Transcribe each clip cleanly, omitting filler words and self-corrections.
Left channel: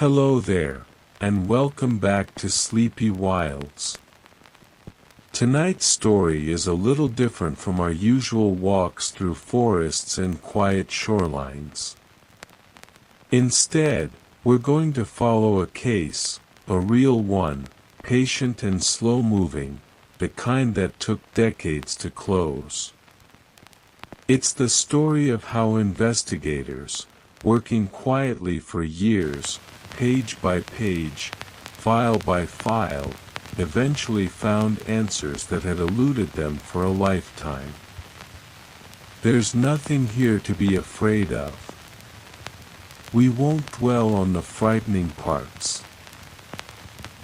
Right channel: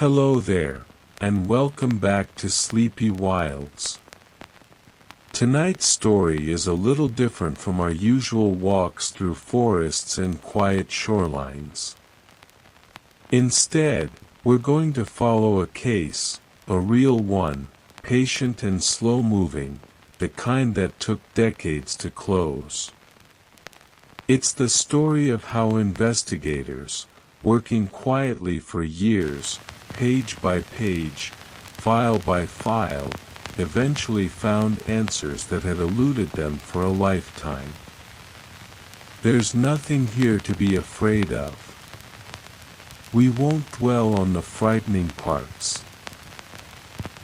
Hello there, and welcome back to Sleepy Wilds. Tonight's story is a little different from our usual walks through forests and quiet shorelines. Instead, we're going to follow a case, a real one, patient and slow-moving, the kind that took decades to close. It's the story of how investigators, working quietly for years, page by page, file by file, eventually found answers that had eluded them for a lifetime. There's nothing here to be afraid of. We won't dwell on the frightening parts.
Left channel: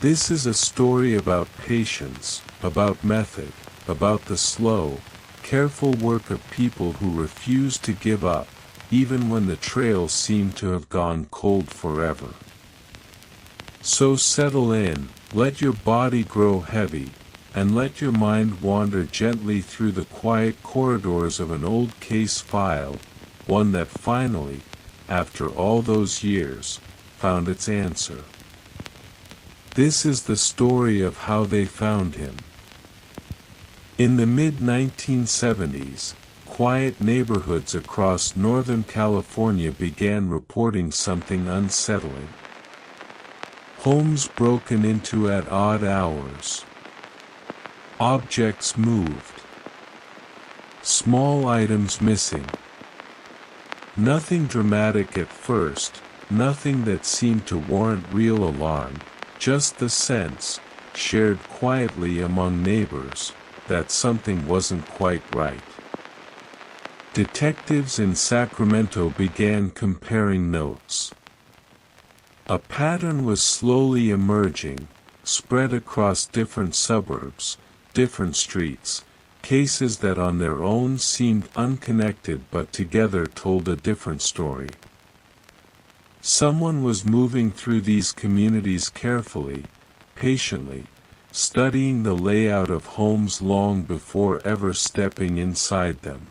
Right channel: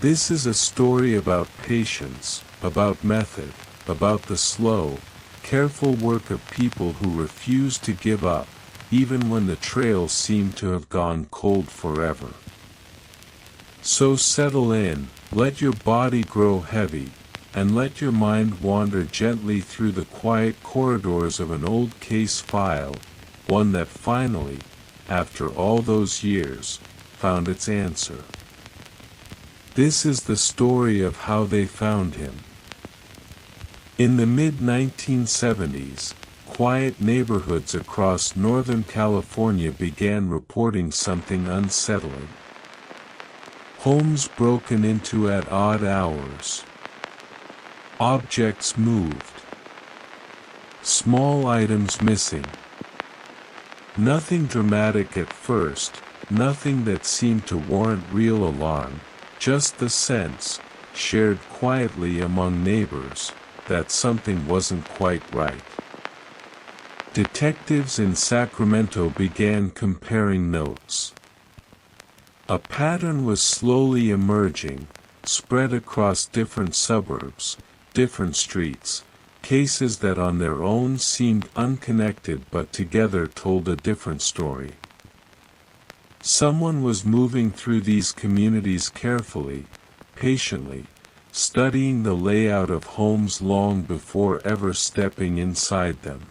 This is a story about patience, about method, about the slow, careful work of people who refuse to give up, even when the trail seemed to have gone cold forever. So settle in, let your body grow heavy, and let your mind wander gently through the quiet corridors of an old case file, one that finally, after all those years, found its answer. This is the story of how they found him. In the mid-1970s, quiet neighborhoods across Northern California began reporting something unsettling. Homes broken into at odd hours. Objects moved. Small items missing. Nothing dramatic at first, nothing that seemed to warrant real alarm, just the sense, shared quietly among neighbors, that something wasn't quite right. Detectives in Sacramento began comparing notes. A pattern was slowly emerging, spread across different suburbs, different streets, cases that on their own seemed unconnected but together told a different story. Someone was moving through these communities carefully, patiently, studying the layout of homes long before ever stepping inside them.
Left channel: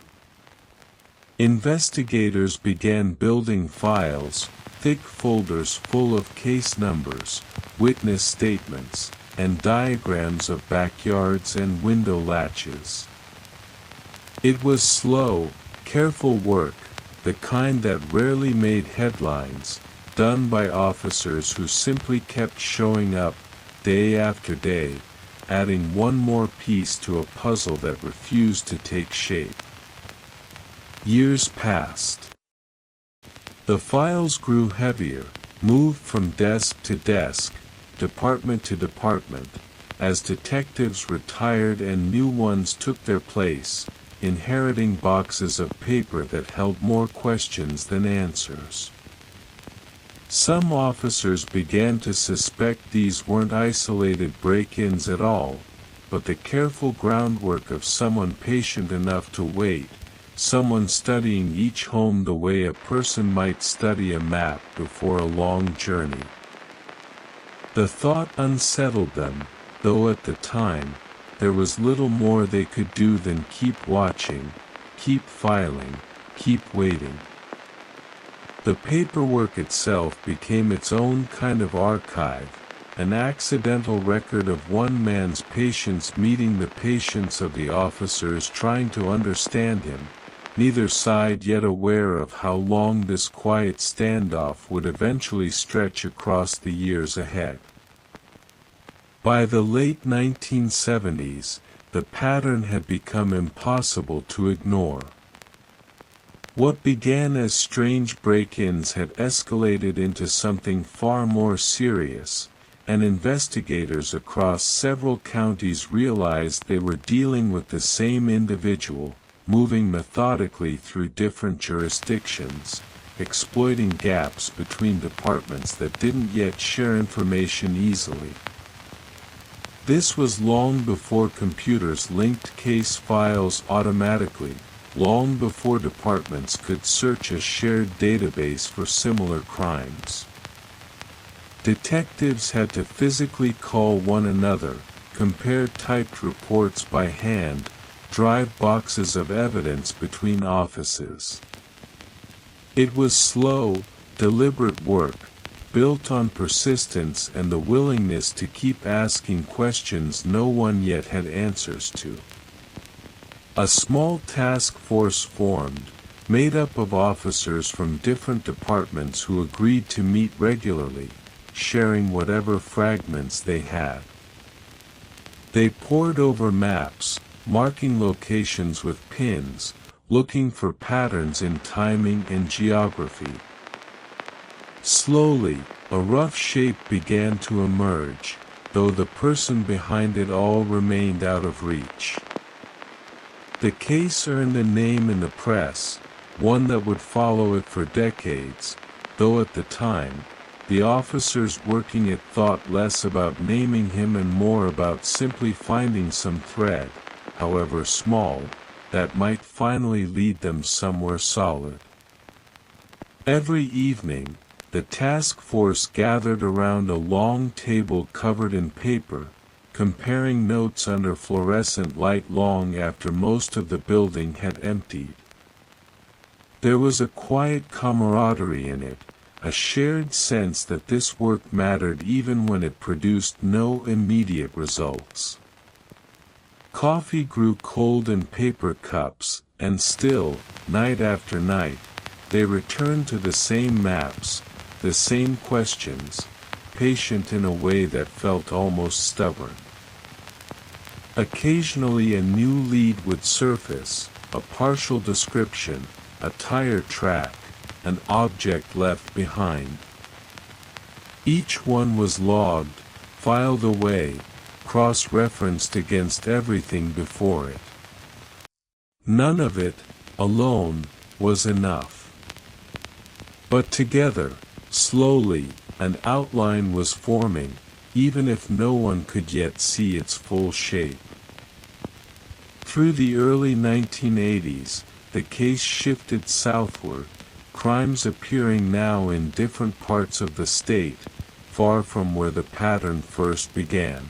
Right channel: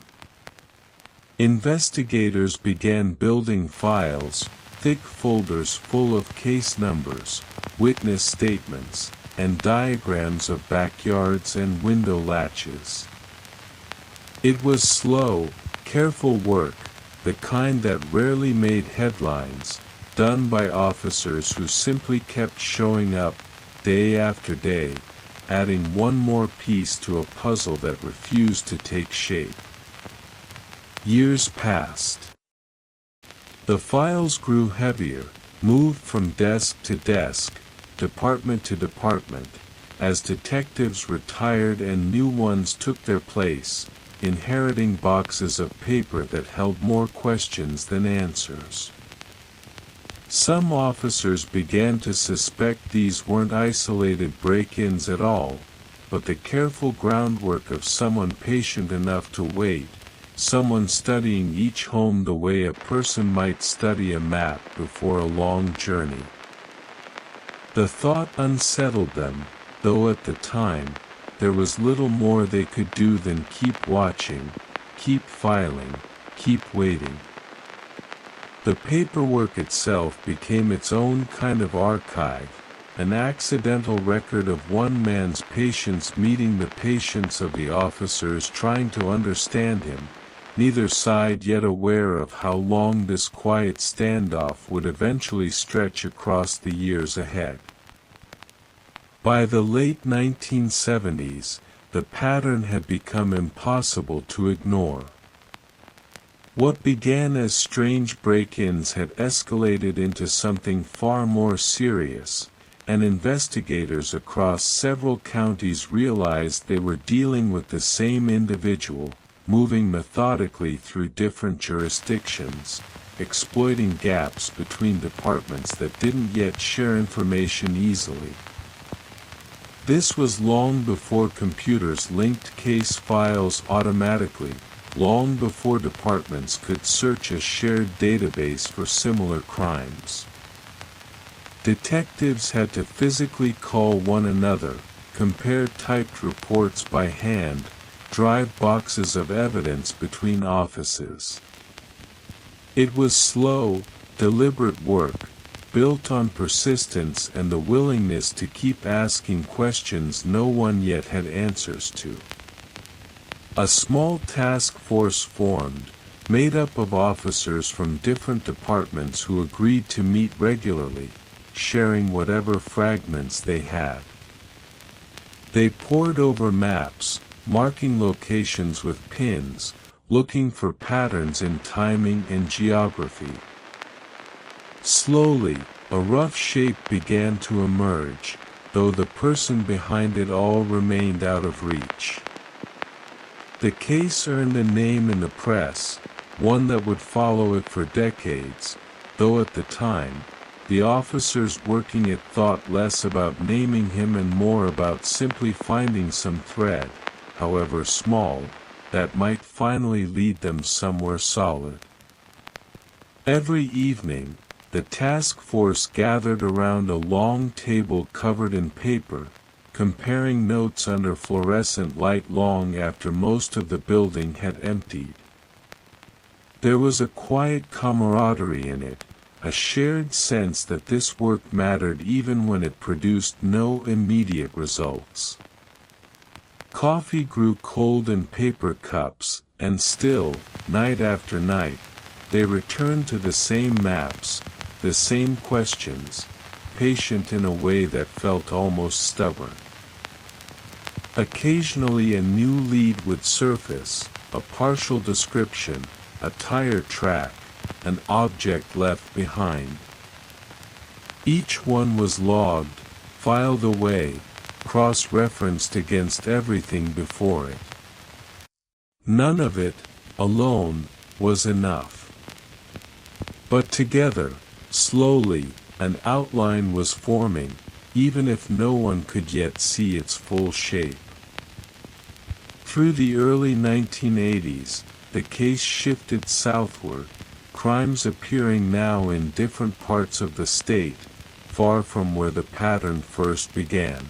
Investigators began building files, thick folders full of case numbers, witness statements, and diagrams of backyards and window latches. It was slow, careful work, the kind that rarely made headlines, done by officers who simply kept showing up, day after day, adding one more piece to a puzzle that refused to take shape. Years passed. The files grew heavier, moved from desk to desk, department to department, as detectives retired and new ones took their place, inheriting boxes of paper that held more questions than answers. Some officers began to suspect these weren't isolated break-ins at all, but the careful groundwork of someone patient enough to wait, someone studying each home the way a person might study a map before a long journey. The thought unsettled them, though at the time, there was little more they could do than keep watching, keep filing, keep waiting. The paperwork itself became its own kind of archive, an accidental record of one man's patience meeting the patience of the officers trying to understand him, neither side yet aware of how long this quiet standoff would eventually stretch across the years ahead. By the late 1970s, the pattern had become impossible to ignore. What began as strange break-ins had escalated into something far more serious, and investigators across several counties realized they were dealing with the same individual, moving methodically through different jurisdictions, exploiting gaps between departments that didn't yet share information easily. This was long before computers linked case files automatically, long before departments could search a shared database for similar crimes. Detectives had to physically call one another, compare typed reports by hand, drive boxes of evidence between offices. It was slow, deliberate work, built on persistence and the willingness to keep asking questions no one yet had answers to. A small task force formed, made up of officers from different departments who agreed to meet regularly, sharing whatever fragments they had. They pored over maps, marking locations with pins, looking for patterns in timing and geography. Slowly, a rough shape began to emerge, though the person behind it all remained out of reach. The case earned a name in the press, one that would follow it for decades, though at the time, the officers working it thought less about naming him and more about simply finding some thread, however small, that might finally lead them somewhere solid. Every evening, the task force gathered around a long table covered in paper, comparing notes under fluorescent light long after most of the building had emptied. There was a quiet camaraderie in it, a shared sense that this work mattered even when it produced no immediate results. Coffee grew cold in paper cups, and still, night after night, they returned to the same maps, the same questions, patient in a way that felt almost stubborn. Occasionally a new lead would surface, a partial description, a tire track, an object left behind. Each one was logged, filed away, cross-referenced against everything before it. None of it, alone, was enough. But together, slowly, an outline was forming, even if no one could yet see its full shape. Through the early 1980s, the case shifted southward, crimes appearing now in different parts of the state, far from where the pattern first began.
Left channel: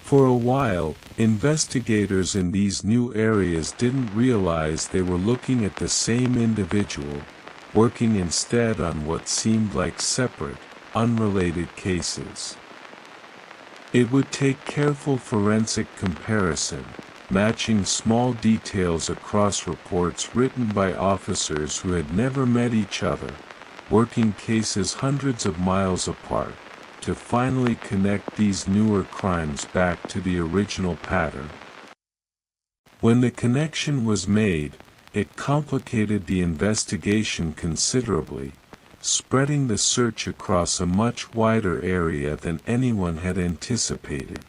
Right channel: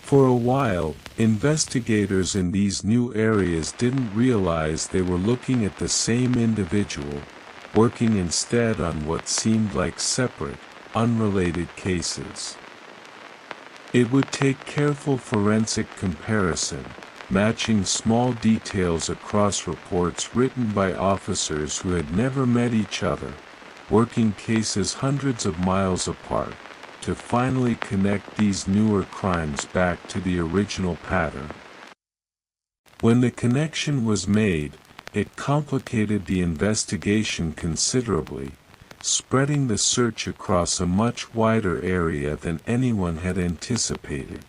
For a while, investigators in these new areas didn't realize they were looking at the same individual, working instead on what seemed like separate, unrelated cases. It would take careful forensic comparison, matching small details across reports written by officers who had never met each other, working cases hundreds of miles apart, to finally connect these newer crimes back to the original pattern. When the connection was made, it complicated the investigation considerably, spreading the search across a much wider area than anyone had anticipated.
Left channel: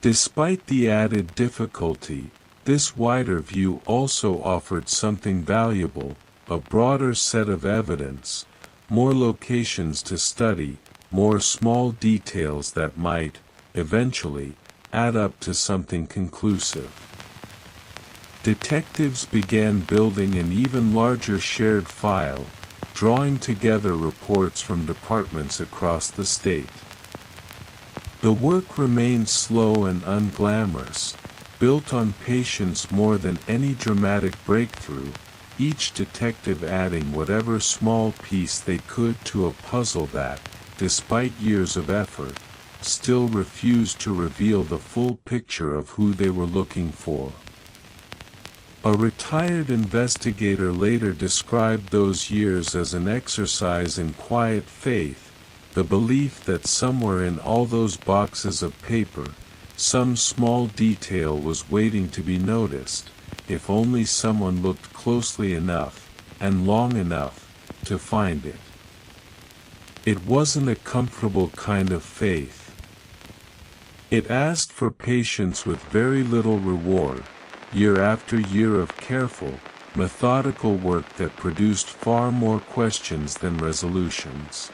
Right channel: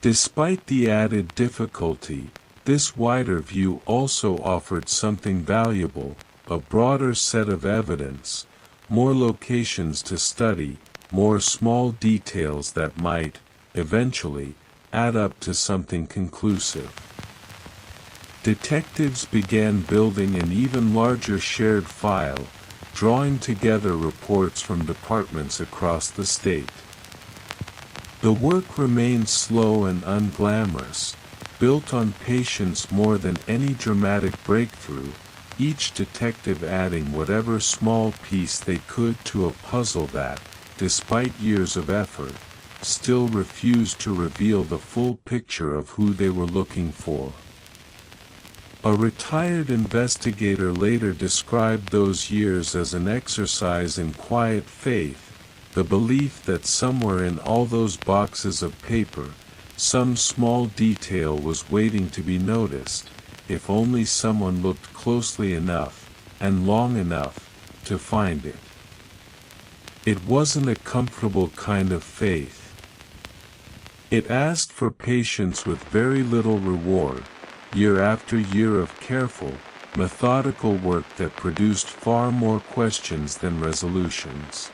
Despite the added difficulty, this wider view also offered something valuable, a broader set of evidence, more locations to study, more small details that might, eventually, add up to something conclusive. Detectives began building an even larger shared file, drawing together reports from departments across the state. The work remained slow and unglamorous, built on patience more than any dramatic breakthrough, each detective adding whatever small piece they could to a puzzle that, despite years of effort, still refused to reveal the full picture of who they were looking for. A retired investigator later described those years as an exercise in quiet faith, the belief that somewhere in all those boxes of paper, some small detail was waiting to be noticed, if only someone looked closely enough, and long enough, to find it. It wasn't a comfortable kind of faith. It asked for patience with very little reward, year after year of careful, methodical work that produced far more questions than resolutions.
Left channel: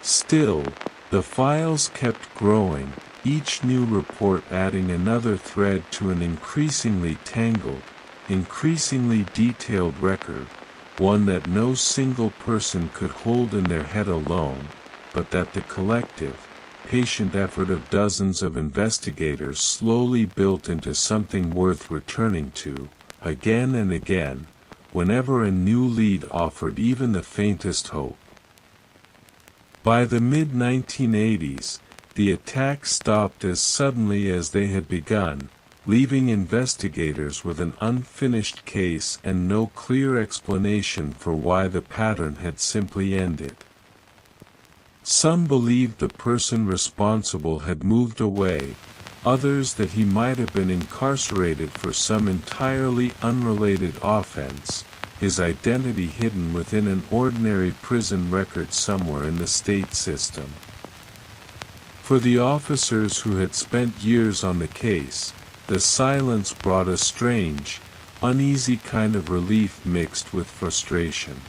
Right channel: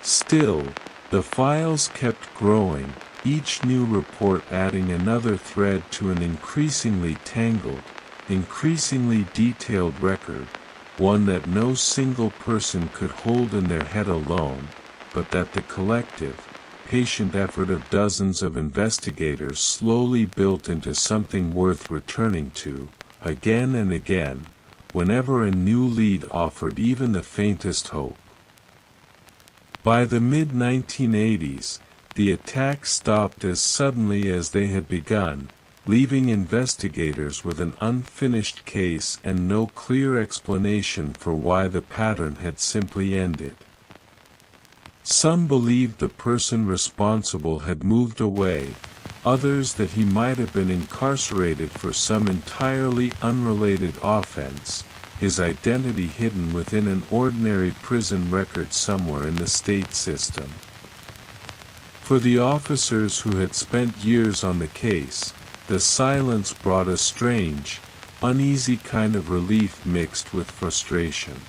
Still, the files kept growing, each new report adding another thread to an increasingly tangled, increasingly detailed record, one that no single person could hold in their head alone, but that the collective, patient effort of dozens of investigators slowly built into something worth returning to, again and again, whenever a new lead offered even the faintest hope. By the mid-1980s, the attacks stopped as suddenly as they had begun, leaving investigators with an unfinished case and no clear explanation for why the pattern had simply ended. Some believed the person responsible had moved away, others that he might have been incarcerated for some entirely unrelated offense, his identity hidden within an ordinary prison record somewhere in the state system. For the officers who had spent years on the case, the silence brought a strange, uneasy kind of relief mixed with frustration.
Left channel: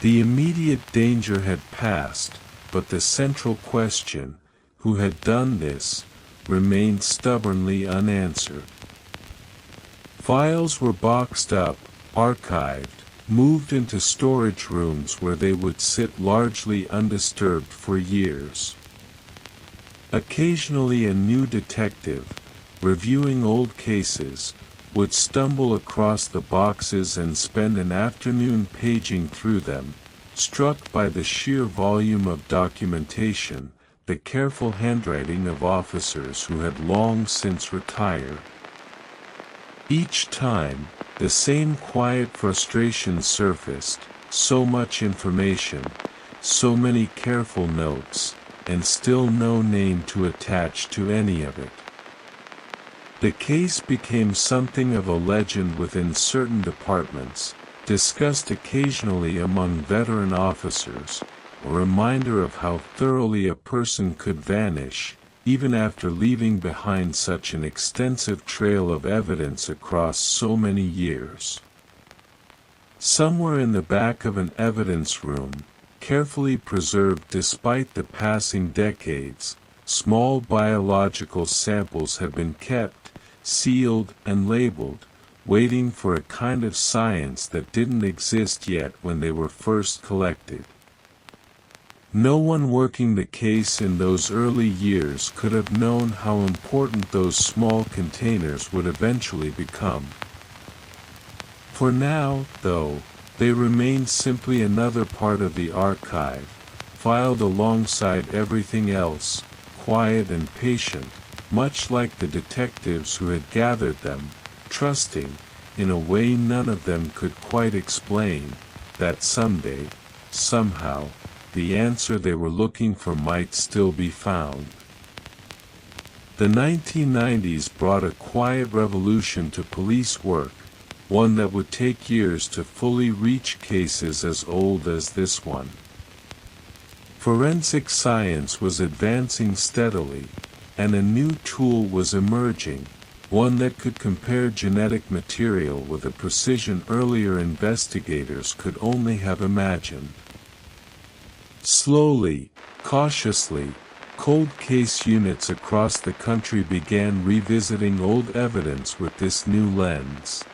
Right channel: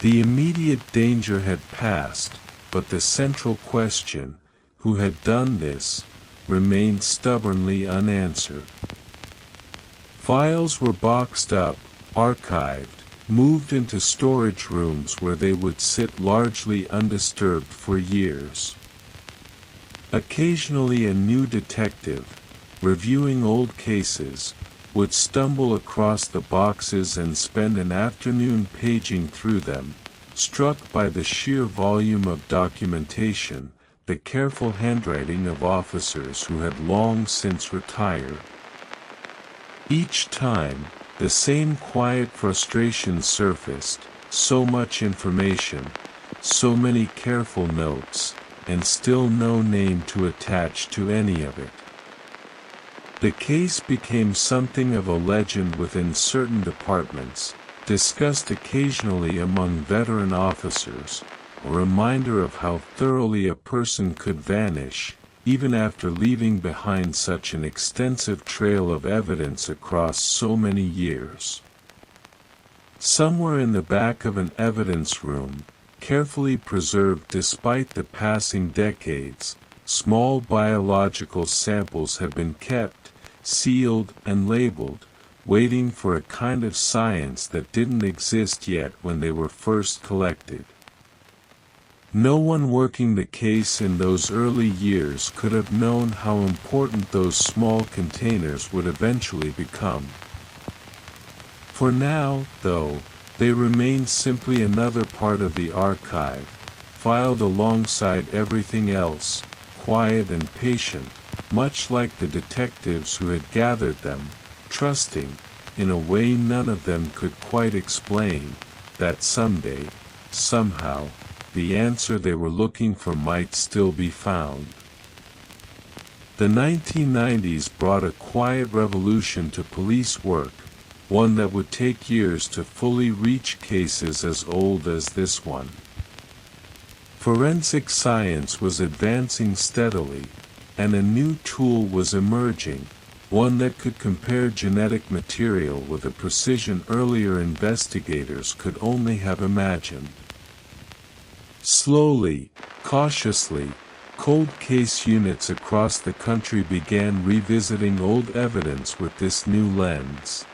The immediate danger had passed, but the central question, who had done this, remained stubbornly unanswered. Files were boxed up, archived, moved into storage rooms where they would sit largely undisturbed for years. Occasionally a new detective, reviewing old cases, would stumble across the boxes and spend an afternoon paging through them, struck by the sheer volume of documentation, the careful handwriting of officers who had long since retired. Each time, the same quiet frustration surfaced: so much information, so many careful notes, and still no name to attach to any of it. The case became something of a legend within certain departments, discussed occasionally among veteran officers, a reminder of how thoroughly a person could vanish, even after leaving behind such an extensive trail of evidence across so many years. Somewhere in the back of an evidence room, carefully preserved despite the passing decades, small biological samples have been kept, sealed and labeled, waiting for a kind of science that didn't exist yet when they were first collected. No one working the case in those early years could have known how important those small containers would eventually become. For now, though, they remain simply another part of the archive, filed alongside everything else, quiet and patient, much like the detectives who had gathered them, trusting, in a way none of them could quite explain, that someday, somehow, the answer they were looking for might still be found. The 1990s brought a quiet revolution to police work, one that would take years to fully reach cases as old as this one. Forensic science was advancing steadily, and a new tool was emerging, one that could compare genetic material with a precision earlier investigators could only have imagined. Slowly, cautiously, cold case units across the country began revisiting old evidence with this new lens.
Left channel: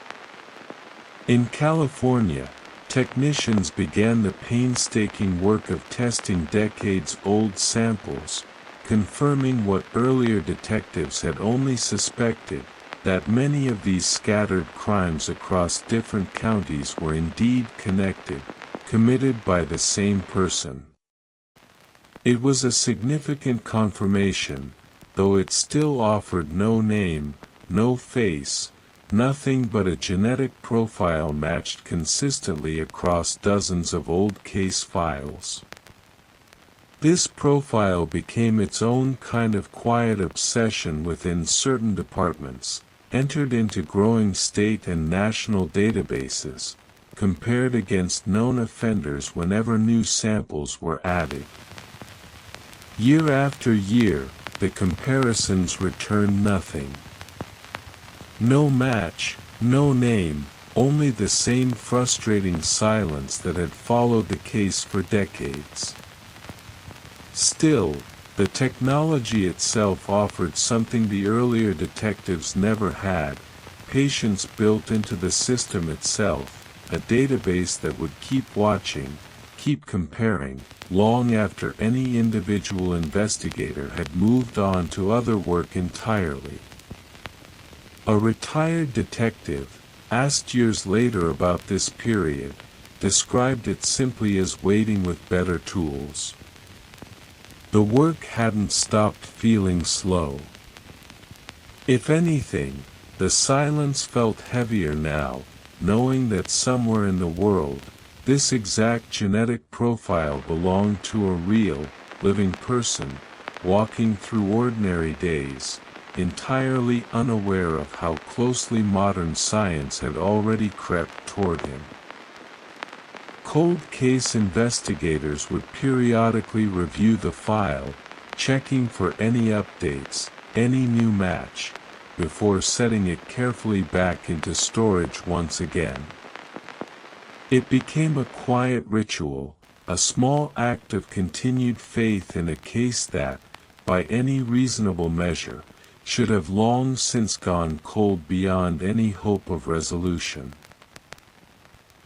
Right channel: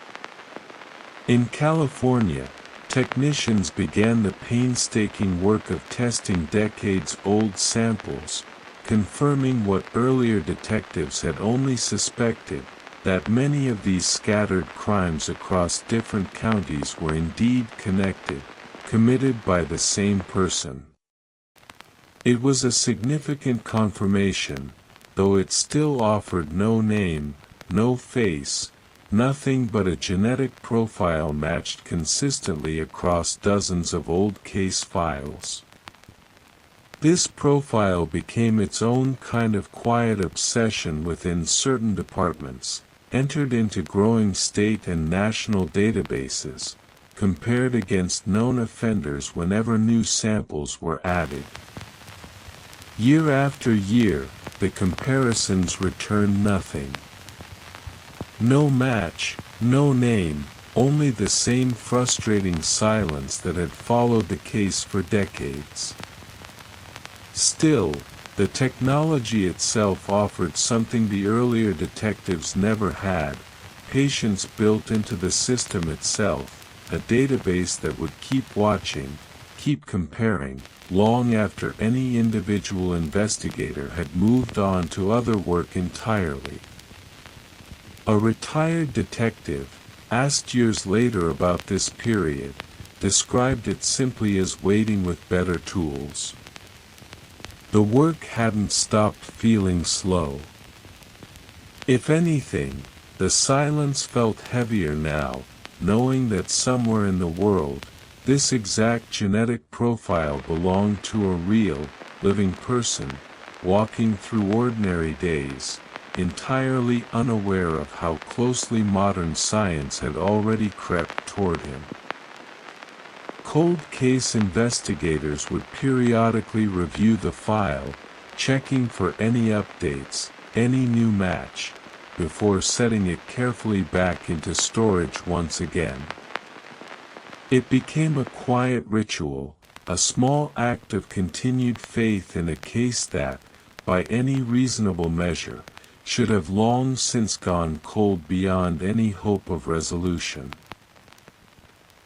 In California, technicians began the painstaking work of testing decades-old samples, confirming what earlier detectives had only suspected, that many of these scattered crimes across different counties were indeed connected, committed by the same person. It was a significant confirmation, though it still offered no name, no face, nothing but a genetic profile matched consistently across dozens of old case files. This profile became its own kind of quiet obsession within certain departments, entered into growing state and national databases, compared against known offenders whenever new samples were added. Year after year, the comparisons returned nothing. No match, no name, only the same frustrating silence that had followed the case for decades. Still, the technology itself offered something the earlier detectives never had: patience built into the system itself, a database that would keep watching, keep comparing, long after any individual investigator had moved on to other work entirely. A retired detective, asked years later about this period, described it simply as waiting with better tools. The work hadn't stopped feeling slow. If anything, the silence felt heavier now, knowing that somewhere in the world, this exact genetic profile belonged to a real, living person, walking through ordinary days, entirely unaware of how closely modern science had already crept toward him. Cold case investigators would periodically review the file, checking for any updates, any new match, before setting it carefully back into storage once again. It became a quiet ritual, a small act of continued faith in a case that, by any reasonable measure, should have long since gone cold beyond any hope of resolution.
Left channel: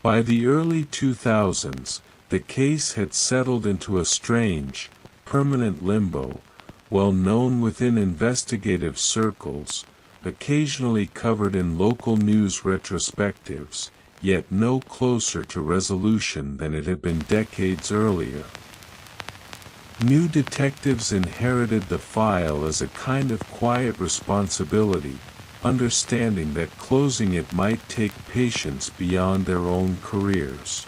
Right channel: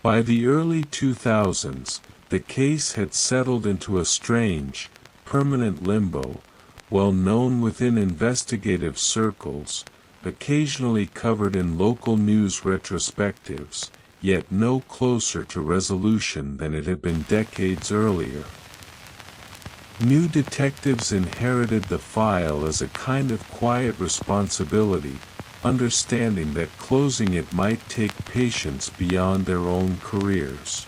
By the early 2000s, the case had settled into a strange, permanent limbo, well known within investigative circles, occasionally covered in local news retrospectives, yet no closer to resolution than it had been decades earlier. New detectives inherited the file as a kind of quiet responsibility, understanding that closing it might take patience beyond their own careers.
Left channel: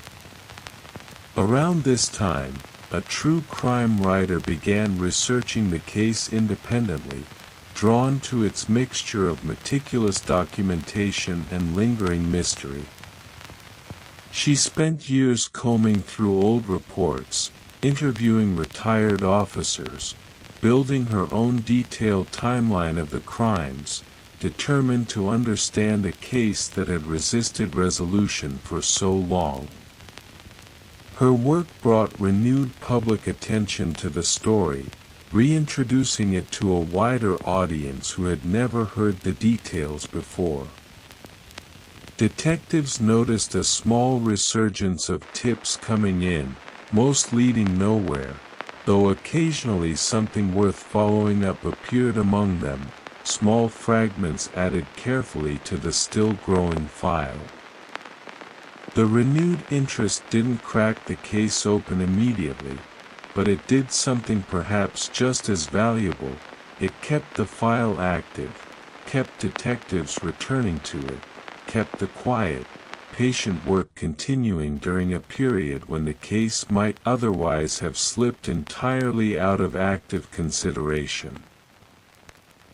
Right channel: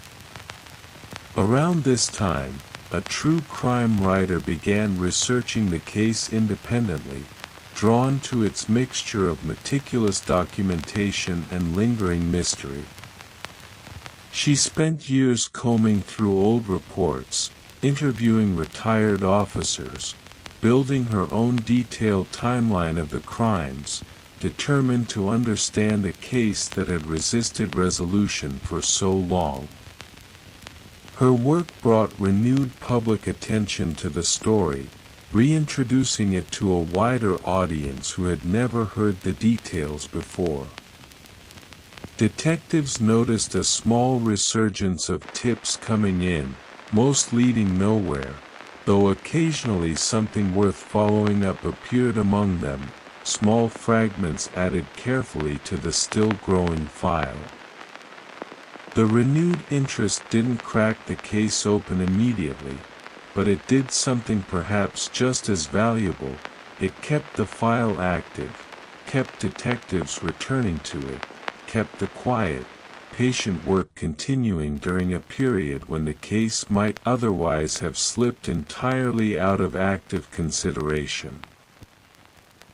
Around this time, a true crime writer began researching the case independently, drawn to its mixture of meticulous documentation and lingering mystery. She spent years combing through old reports, interviewing retired officers, building her own detailed timeline of the crimes, determined to understand a case that had resisted resolution for so long. Her work brought renewed public attention to the story, reintroducing it to a wider audience who had never heard the details before. Detectives noticed a small resurgence of tips coming in, most leading nowhere, though occasionally something worth following up appeared among them, small fragments added carefully to the still-growing file. The renewed interest didn't crack the case open immediately, but it did something perhaps just as valuable. It kept the file active, kept detectives returning to it, kept the quiet, patient work continuing during a period when the case might otherwise have slipped entirely out of active consideration.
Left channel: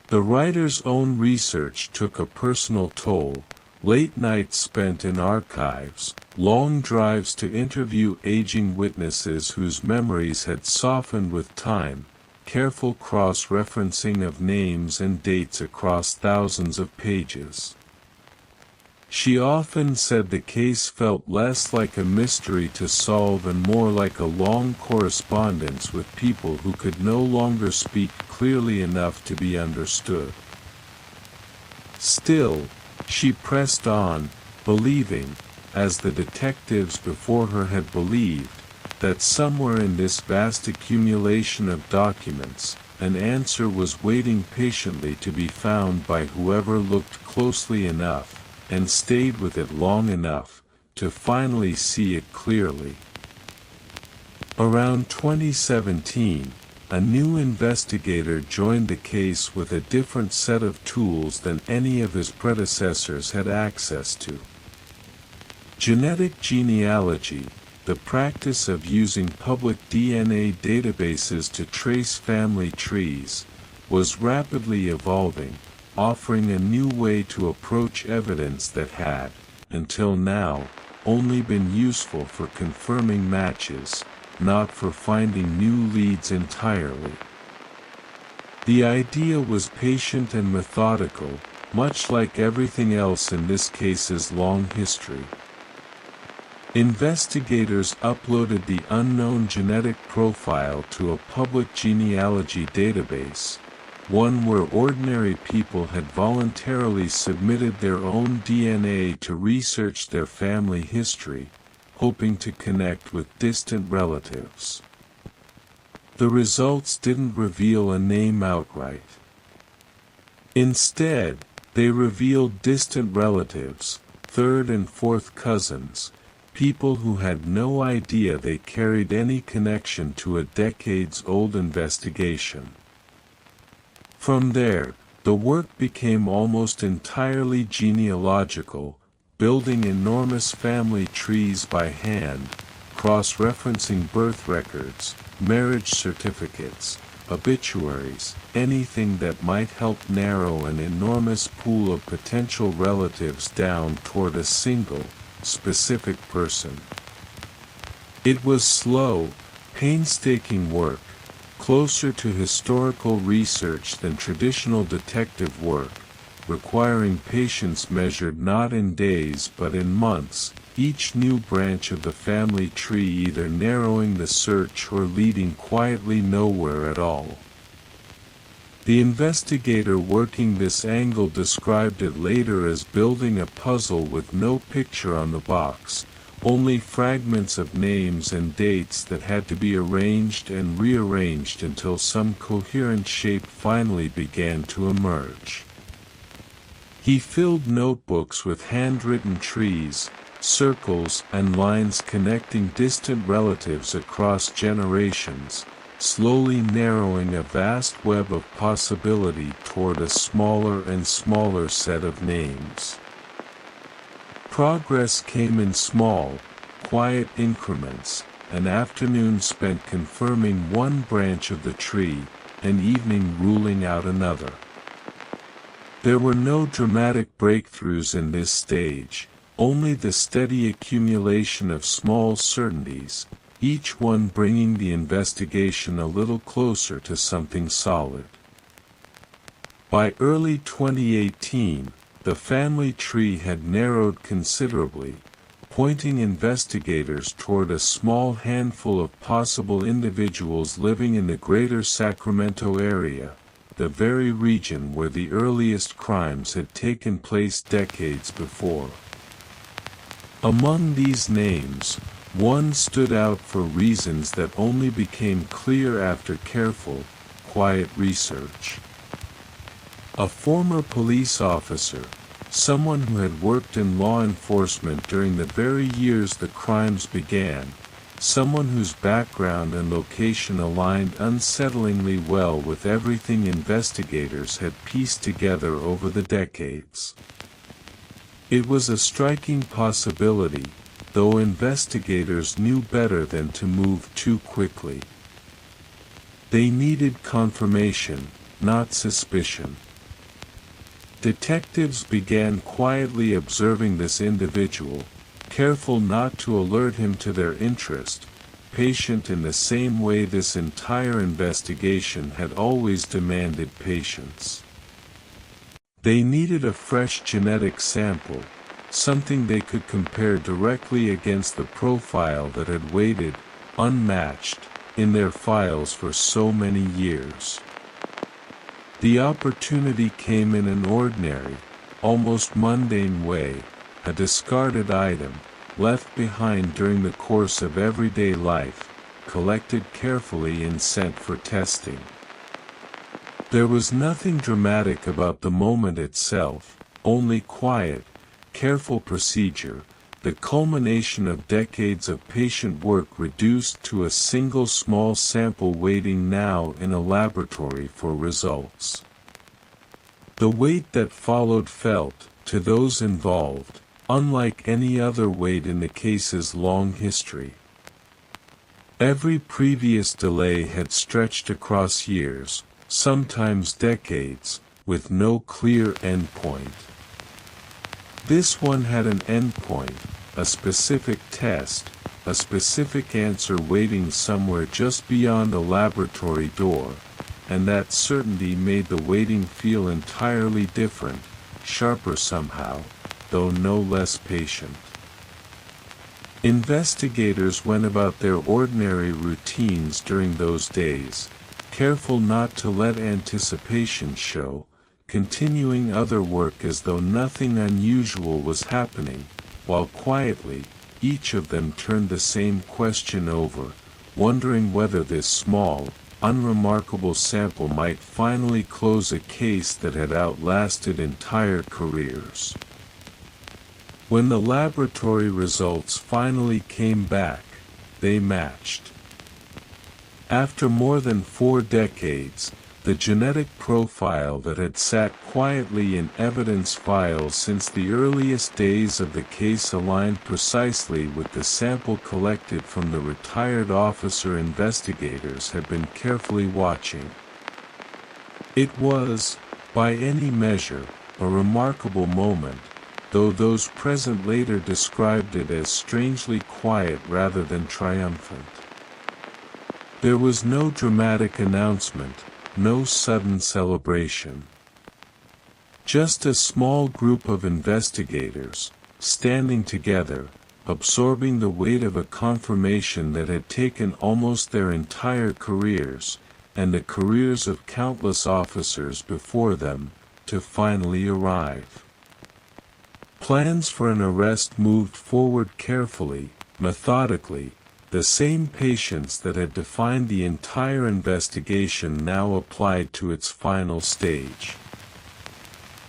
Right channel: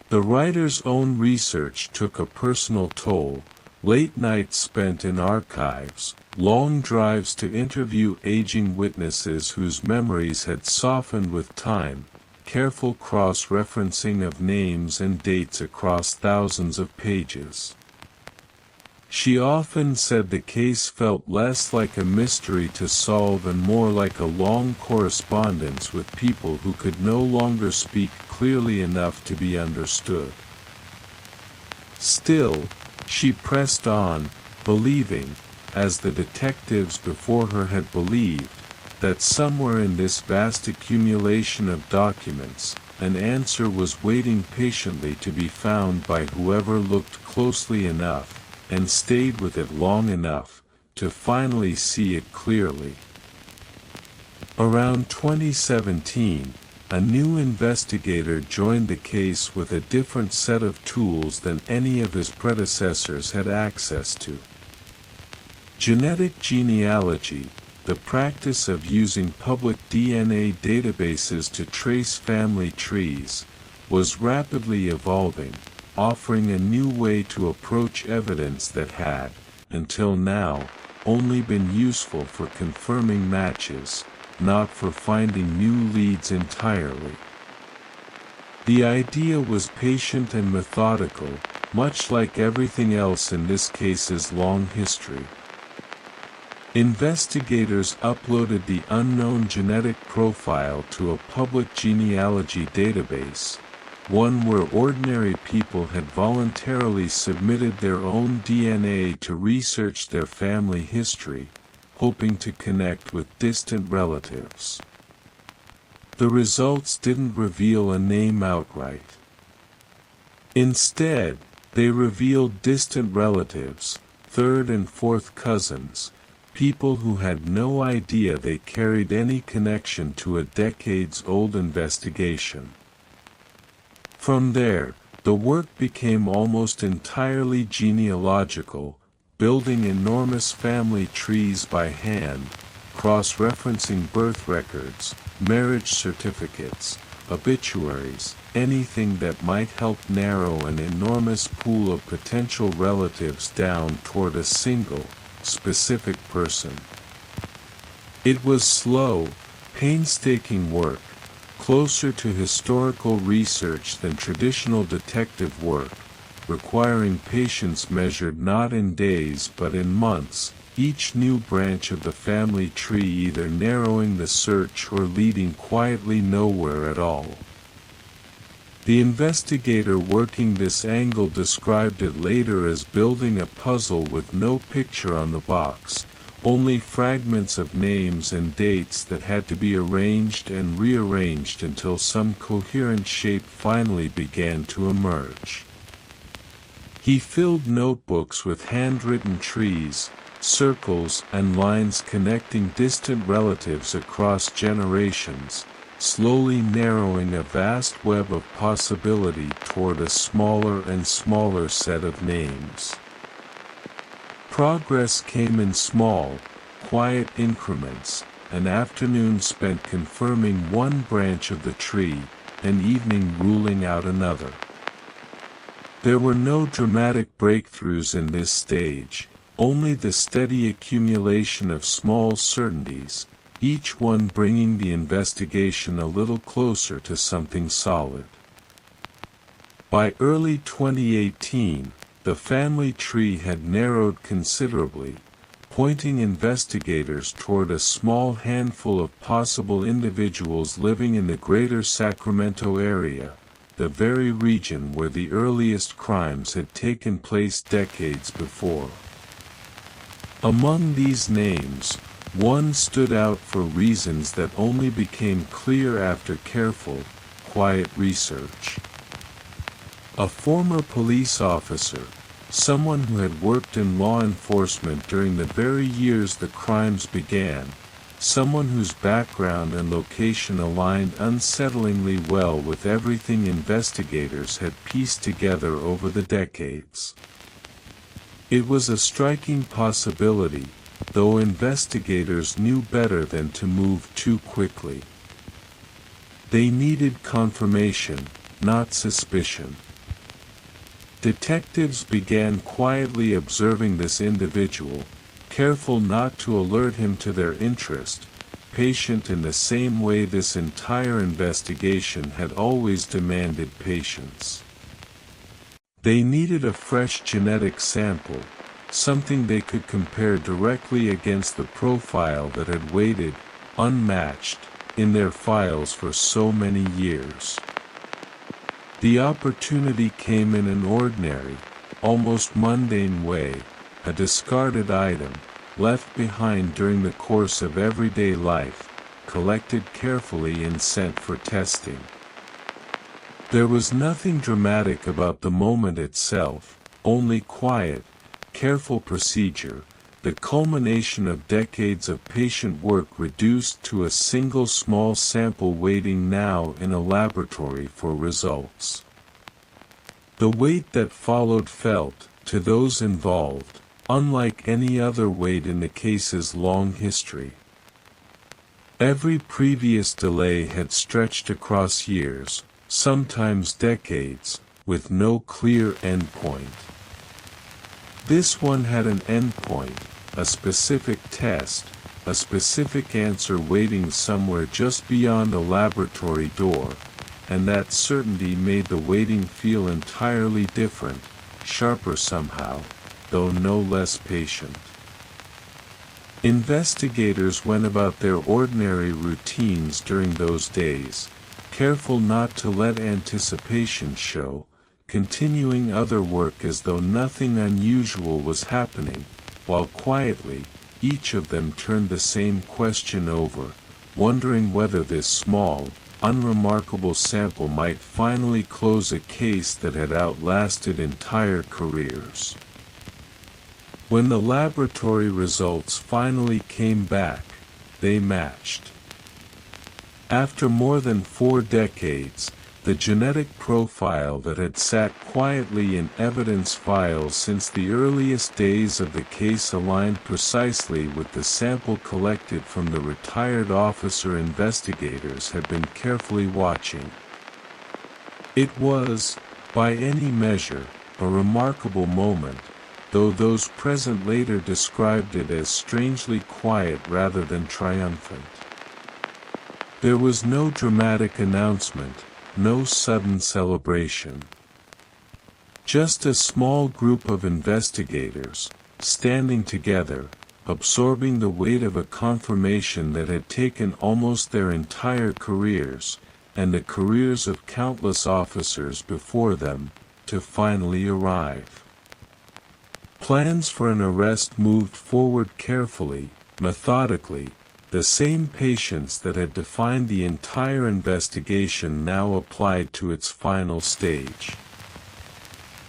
The writer's own research took a personal toll, late nights spent in archives, long drives to interview aging witnesses whose memories had softened with time, careful cross-referencing of names and dates across thousands of pages. She often said the case felt less like a mystery to solve and more like a long correspondence with people who could no longer speak clearly enough to be understood. Still, she pressed on, believing, as the detectives before her had believed, that somewhere in this vast accumulation of documents, an answer was waiting patiently to be found by whoever looked closely enough, and stayed with it long enough, to finally see it clearly. Around 2017, a new investigator joined the case with a different set of tools than any of his predecessors had access to. Genetic genealogy, the practice of using public DNA databases to trace family trees, was rapidly evolving, offering a new way to approach evidence that had, until now, only been useful for confirming matches, not for finding new leads entirely. The idea was patient and methodical, much like everything else in this case's long history. Investigators uploaded the unknown genetic profile to a public genealogy database, one where ordinary people had voluntarily submitted their own DNA to research their family history, hoping to connect with distant relatives. The results didn't reveal a name outright. Instead, they revealed distant relatives, third and fourth cousins, people who had no idea they carried any connection to a decades-old investigation. From there, the work became almost entirely genealogical, building enormous family trees by hand, cross-referencing birth records, marriage certificates, obituaries, anything that might help narrow an enormous pool of potential relatives down toward a single, specific person. It was slow, painstaking work, closer to historical research than traditional detective work, requiring patience measured not in days but in months, each new branch of the family tree either narrowing the search or leading quietly nowhere at all. The investigator working this angle described it later as building a puzzle with no picture on the box, only fragments of names and dates that had to be arranged and rearranged until some coherent shape finally began to emerge. He filled notebooks with handwritten trees, circles and lines connecting distant relatives across generations, slowly narrowing a vast web of possibility toward a smaller and smaller set of names. Progress came in small, quiet increments, an afternoon spent confirming one branch of the tree, an evening ruling out another. There were no dramatic breakthroughs in this stage, only the steady accumulation of small certainties, each one bringing the investigation a little closer to something solid. By early 2018, the family tree had narrowed considerably, pointing investigators toward a small handful of possible individuals living in the greater Sacramento area, the very region where the earliest crimes had taken place decades before. Among these names, one stood out for reasons that only became clear after careful, quiet research. A former police officer, someone who had worked in law enforcement during the very years the crimes began, someone whose background and location aligned unsettlingly well with everything investigators had pieced together over the decades. It was a striking possibility, though investigators knew better than to move too quickly. They needed confirmation, not suspicion. Detectives began quietly observing this individual, careful not to alert him to their interest, patient in the same way this entire investigation had always demanded patience. They needed a fresh genetic sample, something they could compare directly against the profile that had waited, unmatched, in their files for so many years. The opportunity came in an ordinary, almost mundane way, a discarded item, left behind during the course of everyday life, collected carefully and sent for testing. There was nothing dramatic about the moment itself, only quiet, careful procedure, the culmination of decades of patient work reduced to a single small sample waiting now in a laboratory for results. The weight that followed felt, to those involved, unlike any other weight in the case's long history. Every previous delay had stretched across years, sometimes decades, with no clear endpoint. This one had an endpoint, a specific test, a specific answer waiting somewhere just beyond a laboratory door, and that certainty made the waiting feel entirely different, sharper somehow, though no less patient. Investigators went about their ordinary routines during those days, careful not to let anticipation show, continuing other work as though nothing unusual was happening, while quietly, each of them turned the same question over, wondering whether this small, unremarkable sample might finally close a case that had outlasted entire careers. When the laboratory results finally came back, they matched. After more than 4 decades, the genetic profile that had sat quietly in evidence files since the earliest days of the case aligned precisely with the sample collected from the retired officer investigators had been carefully watching. It was, by any measure, a remarkable moment, though those present later described it as strangely quiet rather than triumphant. There was no dramatic announcement, no sudden celebration. Just a small group of investigators, standing together, absorbing the weight of a confirmation that had taken almost their entire careers, and the careers of countless officers before them, to finally arrive. Plans for an arrest moved forward carefully, methodically. The same patience that had defined the entire investigation now applied to its final stage.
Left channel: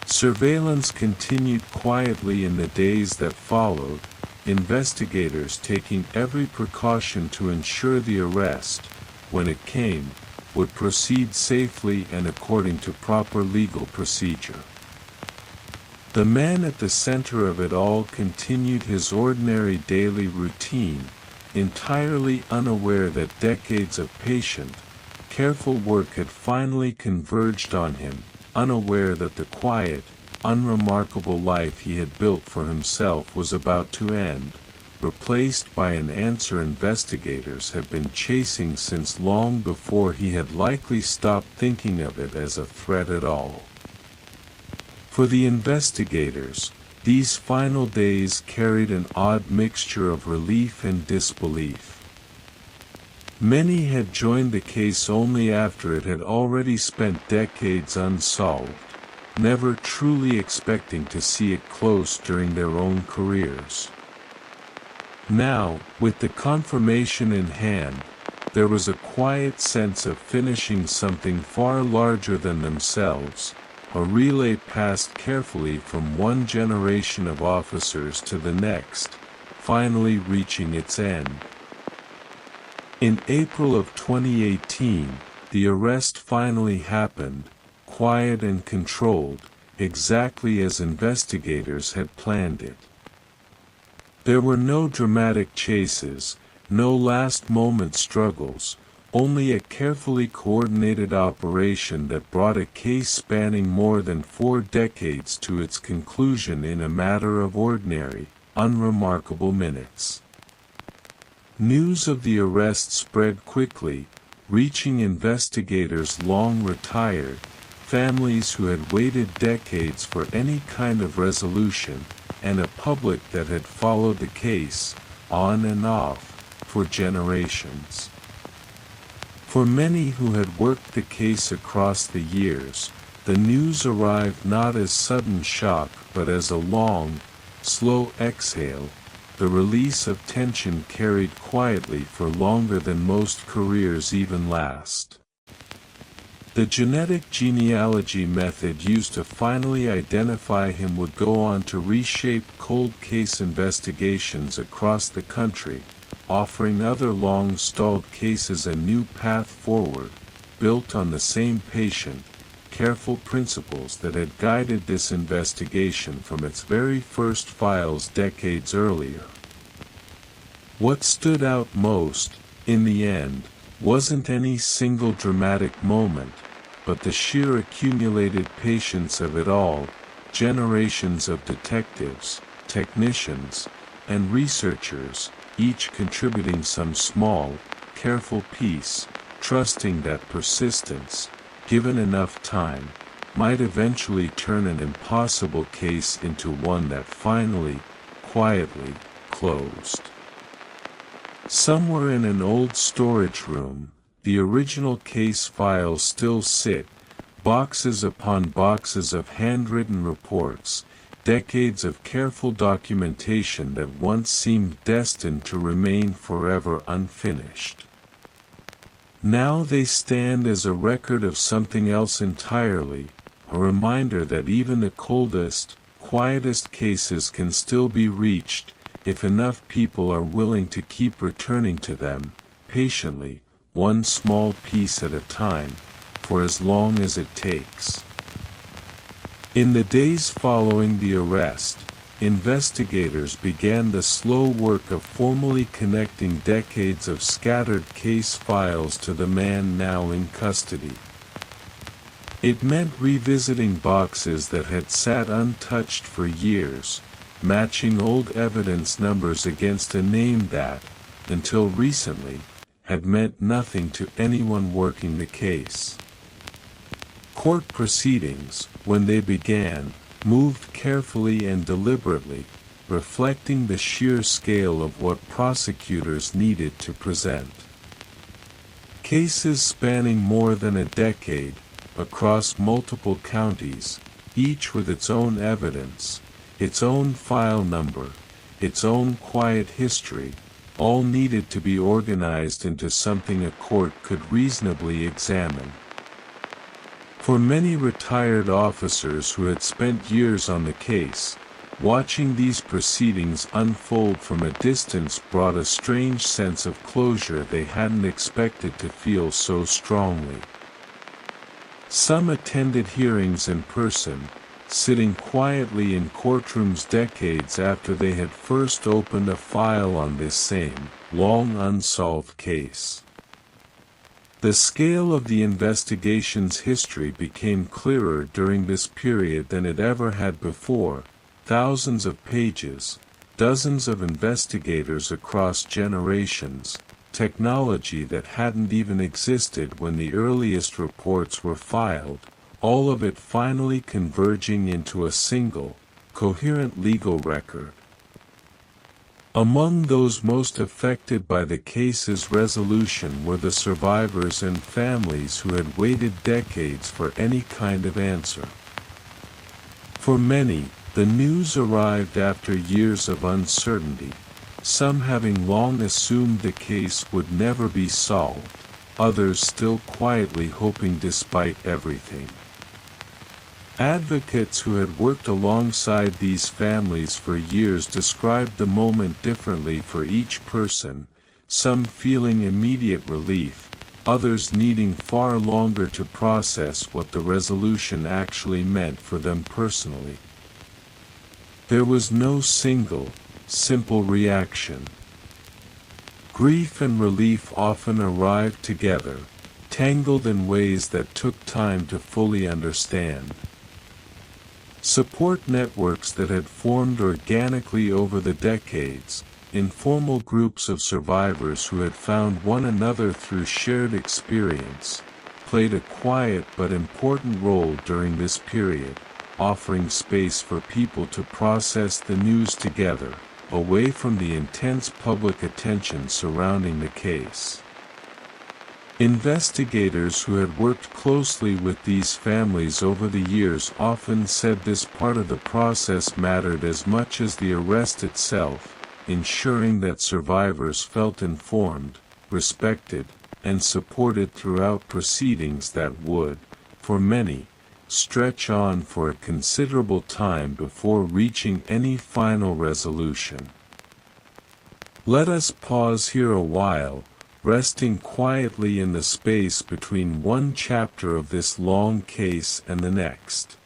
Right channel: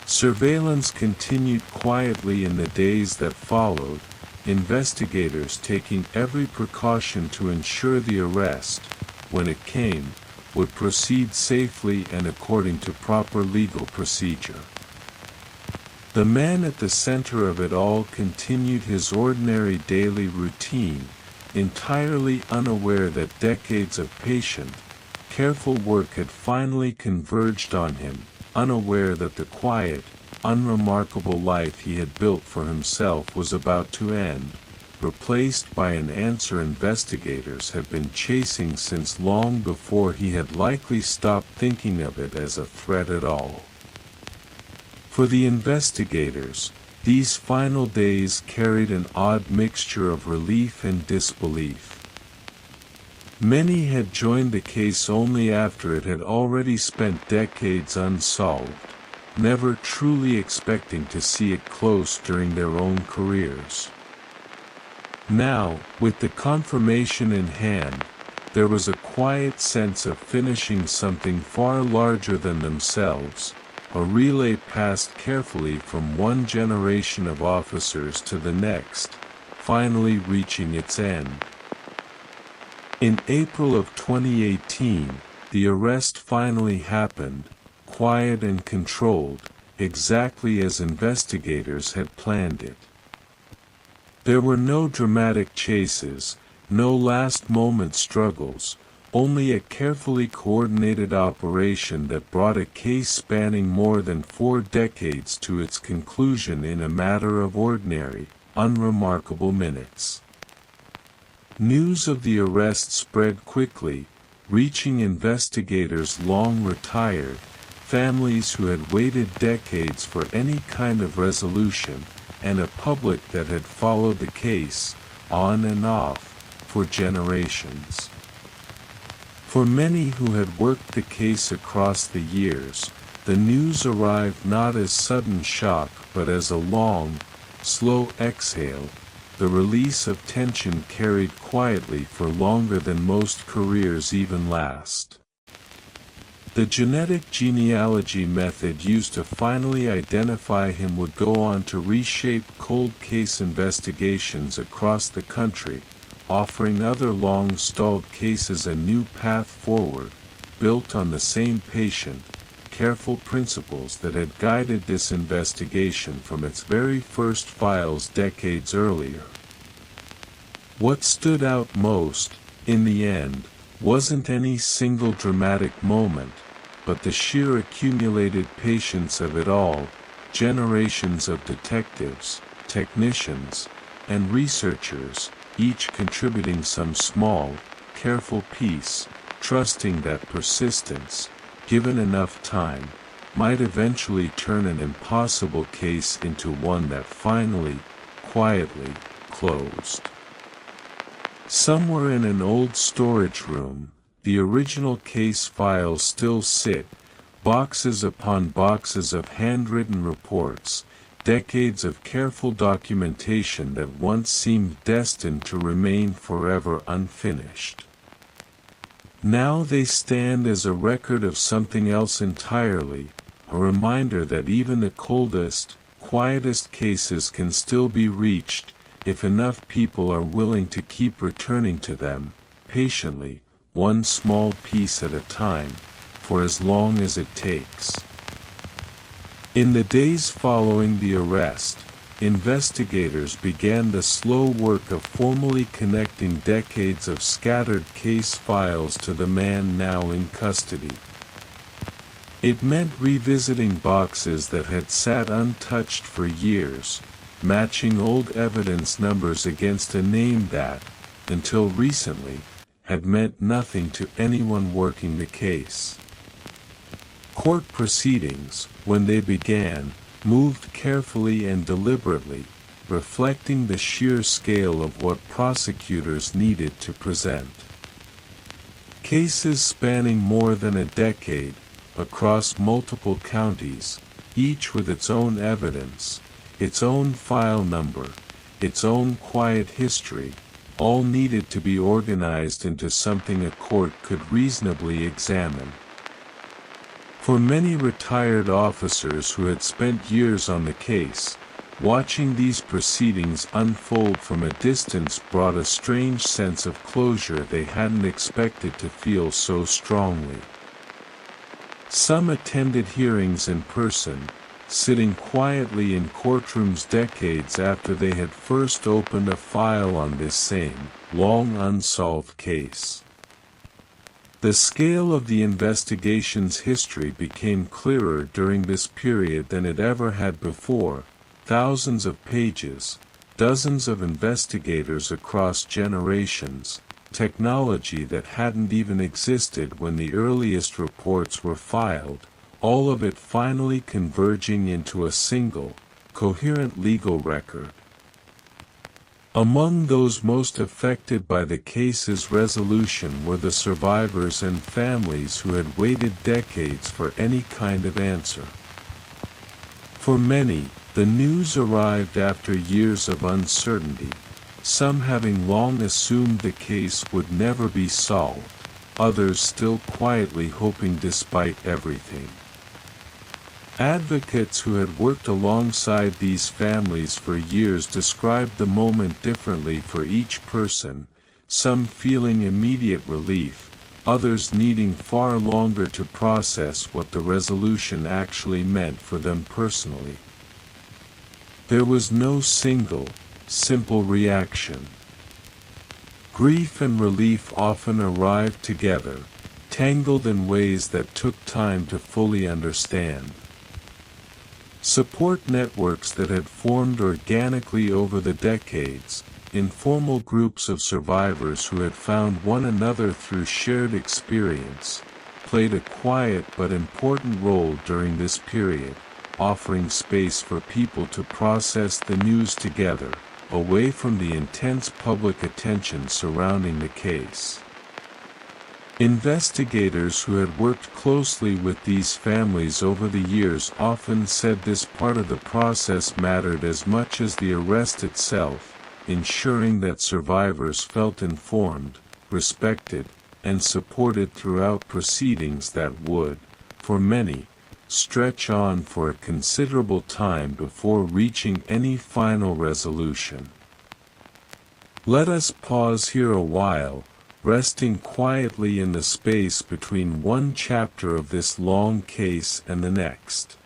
Surveillance continued quietly in the days that followed, investigators taking every precaution to ensure the arrest, when it came, would proceed safely and according to proper legal procedure. The man at the center of it all continued his ordinary daily routine, entirely unaware that decades of patient, careful work had finally converged on him, unaware that the quiet, unremarkable life he had built for himself was about to end, replaced by an answer investigators had been chasing since long before he had likely stopped thinking of it as a threat at all. For the investigators, these final days carried an odd mixture of relief and disbelief. Many had joined the case only after it had already spent decades unsolved, never truly expecting to see it close during their own careers. Now, with the confirmation in hand, there was a quiet sense of finishing something far larger than themselves, a relay passed carefully from one generation of officers to the next, finally reaching its end. In April of 2018, the arrest finally happened, quiet and controlled, exactly as investigators had planned it. There were no dramatic chases, no last-moment struggles, only a carefully coordinated operation that brought a case spanning more than 4 decades to its conclusion in a matter of ordinary, unremarkable minutes. News of the arrest spread quickly, reaching investigators long retired, families who had waited decades for any kind of resolution, and a public that had followed the case, on and off, for generations. For many who had worked the case across the years, the news arrived not as sudden shock but as a long, slow exhale, the release of tension carried quietly for longer than most careers even last. The genetic genealogy method used to finally identify him would go on to reshape cold case investigations across the country, offering other long-stalled cases a new path forward, built on the same patient, careful principles that had guided this investigation from its very first files decades earlier. What stood out most, in the end, wasn't any single dramatic moment, but the sheer accumulated patience of it all, generations of detectives, technicians, and researchers, each contributing some small, careful piece, trusting that persistence, given enough time, might eventually turn an impossible case into one that finally, quietly, closed. Somewhere in an old storage room, the original case files still sit, boxes upon boxes of handwritten reports, decades of careful documentation that once seemed destined to remain forever unfinished. Now they stand as a record of something else entirely, a reminder that even the coldest, quietest cases can still be reached, if enough people are willing to keep returning to them, patiently, one small piece at a time, for as long as it takes. In the days following the arrest, investigators began the slow work of formally connecting decades of scattered case files to the man now in custody. It meant revisiting boxes that had sat untouched for years, matching old evidence numbers against a name that, until recently, had meant nothing to anyone working the case. Court proceedings, when they began, moved carefully and deliberately, reflecting the sheer scale of what prosecutors needed to present. Cases spanning more than a decade, across multiple counties, each with its own evidence, its own file number, its own quiet history, all needed to be organized into something a court could reasonably examine. For many retired officers who had spent years on the case, watching these proceedings unfold from a distance brought a strange sense of closure they hadn't expected to feel so strongly. Some attended hearings in person, sitting quietly in courtrooms decades after they had first opened a file on this same, long unsolved case. The scale of the investigation's history became clearer during this period than it ever had before. Thousands of pages, dozens of investigators across generations, technology that hadn't even existed when the earliest reports were filed, all of it finally converging into a single, coherent legal record. Among those most affected by the case's resolution were the survivors and families who had waited decades for any kind of answer. For many, the news arrived after years of uncertainty, some having long assumed the case would never be solved, others still quietly hoping despite everything. Advocates who had worked alongside these families for years described the moment differently for each person, some feeling immediate relief, others needing far longer to process what the resolution actually meant for them personally. There was no single, simple reaction. Grief and relief often arrived together, tangled in ways that took time to fully understand. Support networks that had formed organically over the decades, informal groups of survivors who had found one another through shared experience, played a quiet but important role during this period, offering space for people to process the news together, away from the intense public attention surrounding the case. Investigators who had worked closely with these families over the years often said this part of the process mattered as much as the arrest itself, ensuring that survivors felt informed, respected, and supported throughout proceedings that would, for many, stretch on for a considerable time before reaching any final resolution. Let us pause here a while, resting quietly in the space between one chapter of this long case and the next.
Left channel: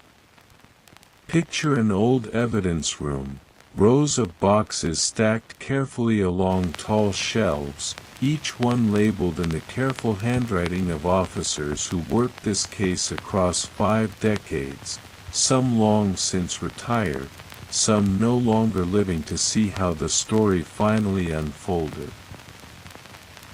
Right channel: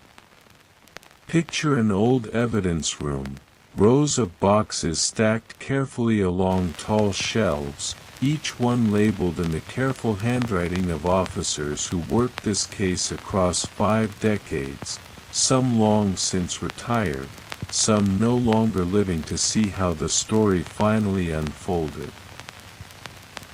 Picture an old evidence room, rows of boxes stacked carefully along tall shelves, each one labeled in the careful handwriting of officers who worked this case across 5 decades, some long since retired, some no longer living to see how the story finally unfolded.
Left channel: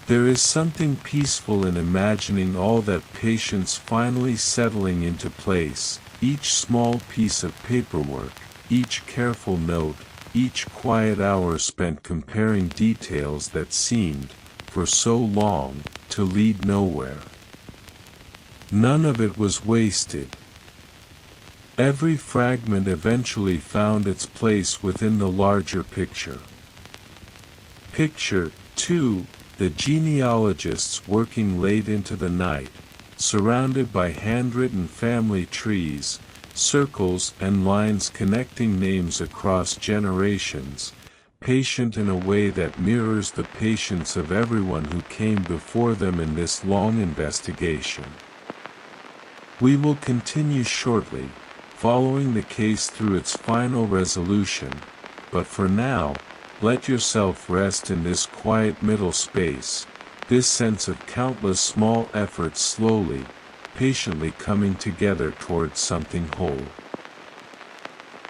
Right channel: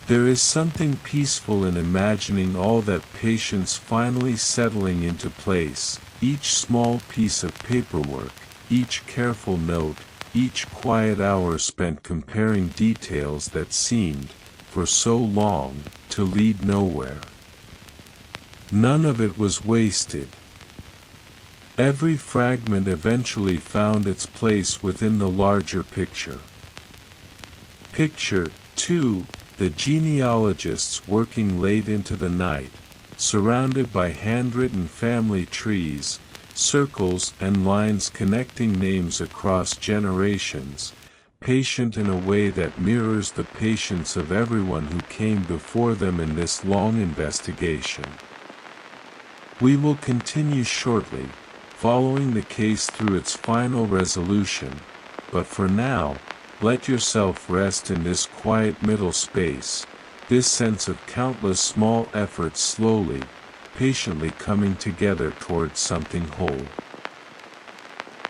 There is something peaceful in imagining all that patience finally settling into place, each small piece of paperwork, each careful note, each quiet hour spent comparing details that seemed, for so long, to lead nowhere. None of it was wasted. Every fragment eventually found its place within the larger picture. Picture 2. The genealogists working late into the night, surrounded by handwritten family trees, circles and lines connecting names across generations, patient in a way that mirrors the patience of everyone who came before them in this long investigation. We will continue shortly, following the case through its final resolution, but for now, let yourself rest in this quiet middle space, this sense of countless small efforts slowly, patiently coming together towards something whole.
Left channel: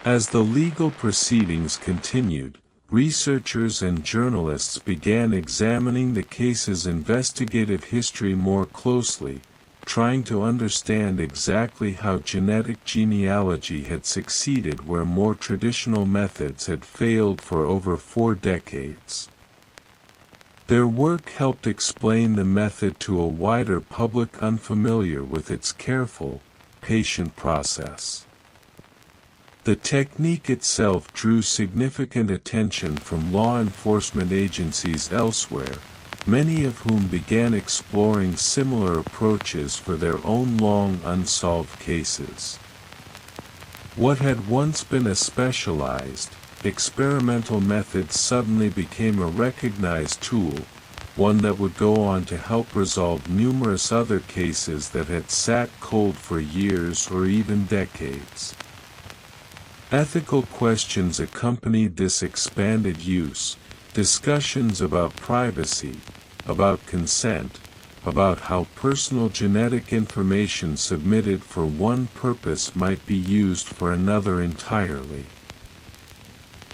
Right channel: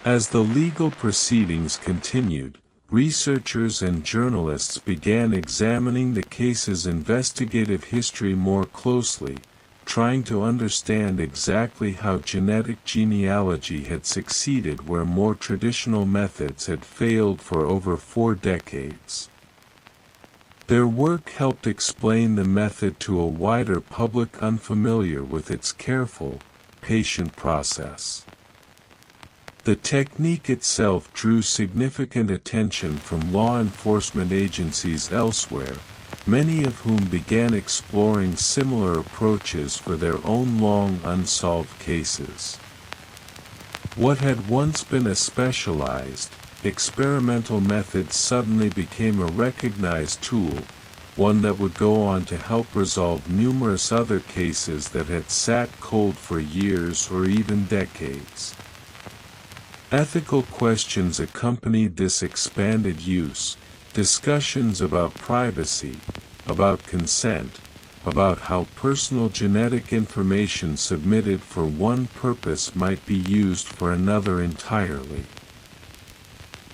As the legal proceedings continued, researchers and journalists began examining the case's investigative history more closely, trying to understand exactly how genetic genealogy had succeeded where more traditional methods had failed for over 4 decades. Their work helped explain the method to a wider public unfamiliar with its careful, patient process. The technique itself drew significant attention from law enforcement agencies elsewhere, many of whom began exploring similar approaches for their own long unsolved cases. What had once been a specialized, experimental method suddenly became a recognized tool, one that would go on to help resolve numerous other cases that had sat cold for years or even decades. Ethical questions accompanied this expanded use, discussions about privacy, about consent, about how personal genetic information submitted for one purpose might be used for another entirely.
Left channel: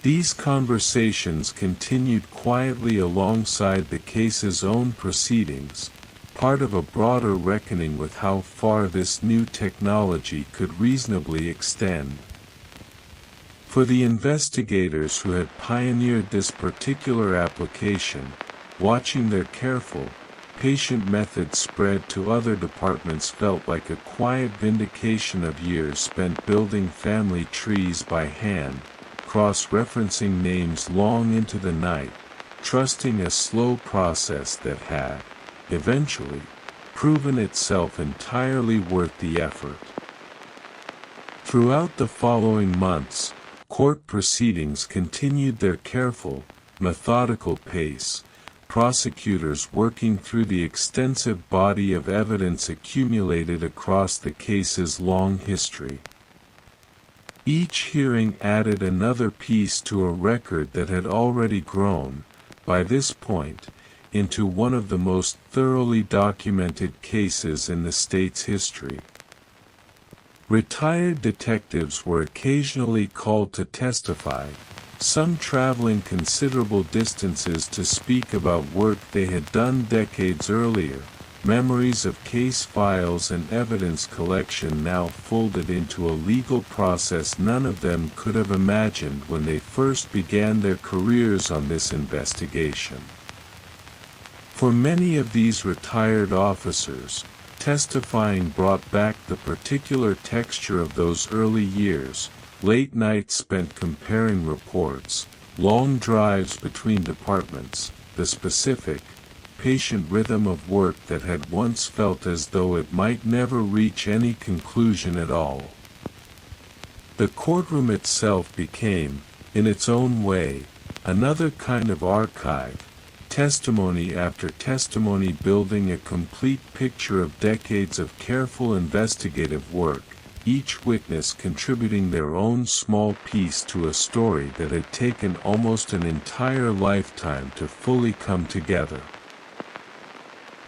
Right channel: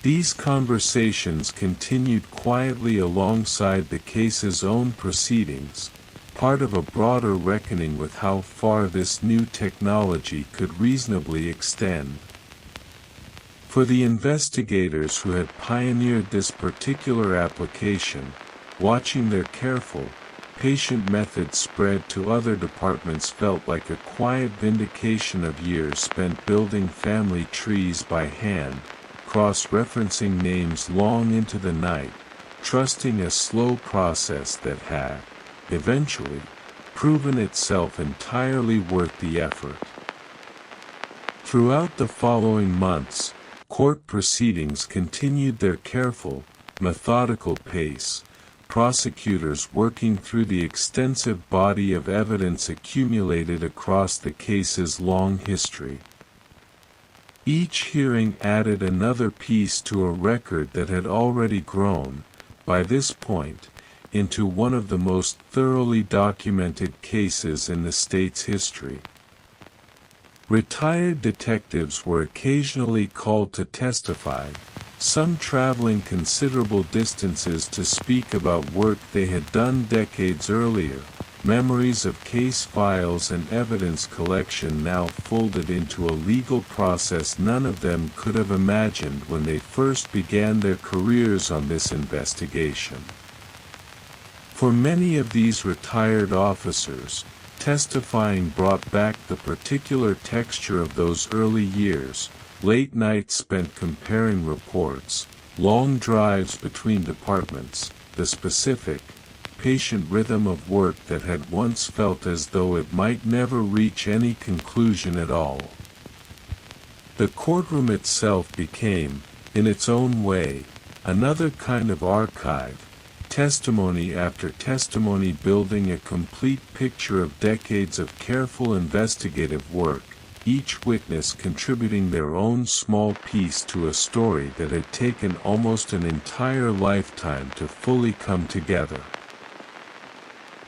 These conversations continued quietly alongside the case's own proceedings, part of a broader reckoning with how far this new technology could reasonably extend. For the investigators who had pioneered this particular application, watching their careful, patient method spread to other departments felt like a quiet vindication of years spent building family trees by hand, cross-referencing names long into the night, trusting a slow process that had, eventually, proven itself entirely worth the effort. Throughout the following months, court proceedings continued their careful, methodical pace, prosecutors working through the extensive body of evidence accumulated across the case's long history. Each hearing added another piece to a record that had already grown, by this point, into one of the most thoroughly documented cases in the state's history. Retired detectives were occasionally called to testify, some traveling considerable distances to speak about work they had done decades earlier, memories of case files and evidence collection now folded into a legal process none of them could have imagined when they first began their careers on this investigation. For many of these retired officers, testifying brought back the particular texture of those early years, late nights spent comparing reports, long drives between departments, the specific, patient rhythm of work that had once felt as though it might never reach any conclusion at all. The courtroom itself became, in its own way, another kind of archive, testimony after testimony building a complete picture of decades of careful investigative work, each witness contributing their own small piece to a story that had taken almost an entire lifetime to fully come together.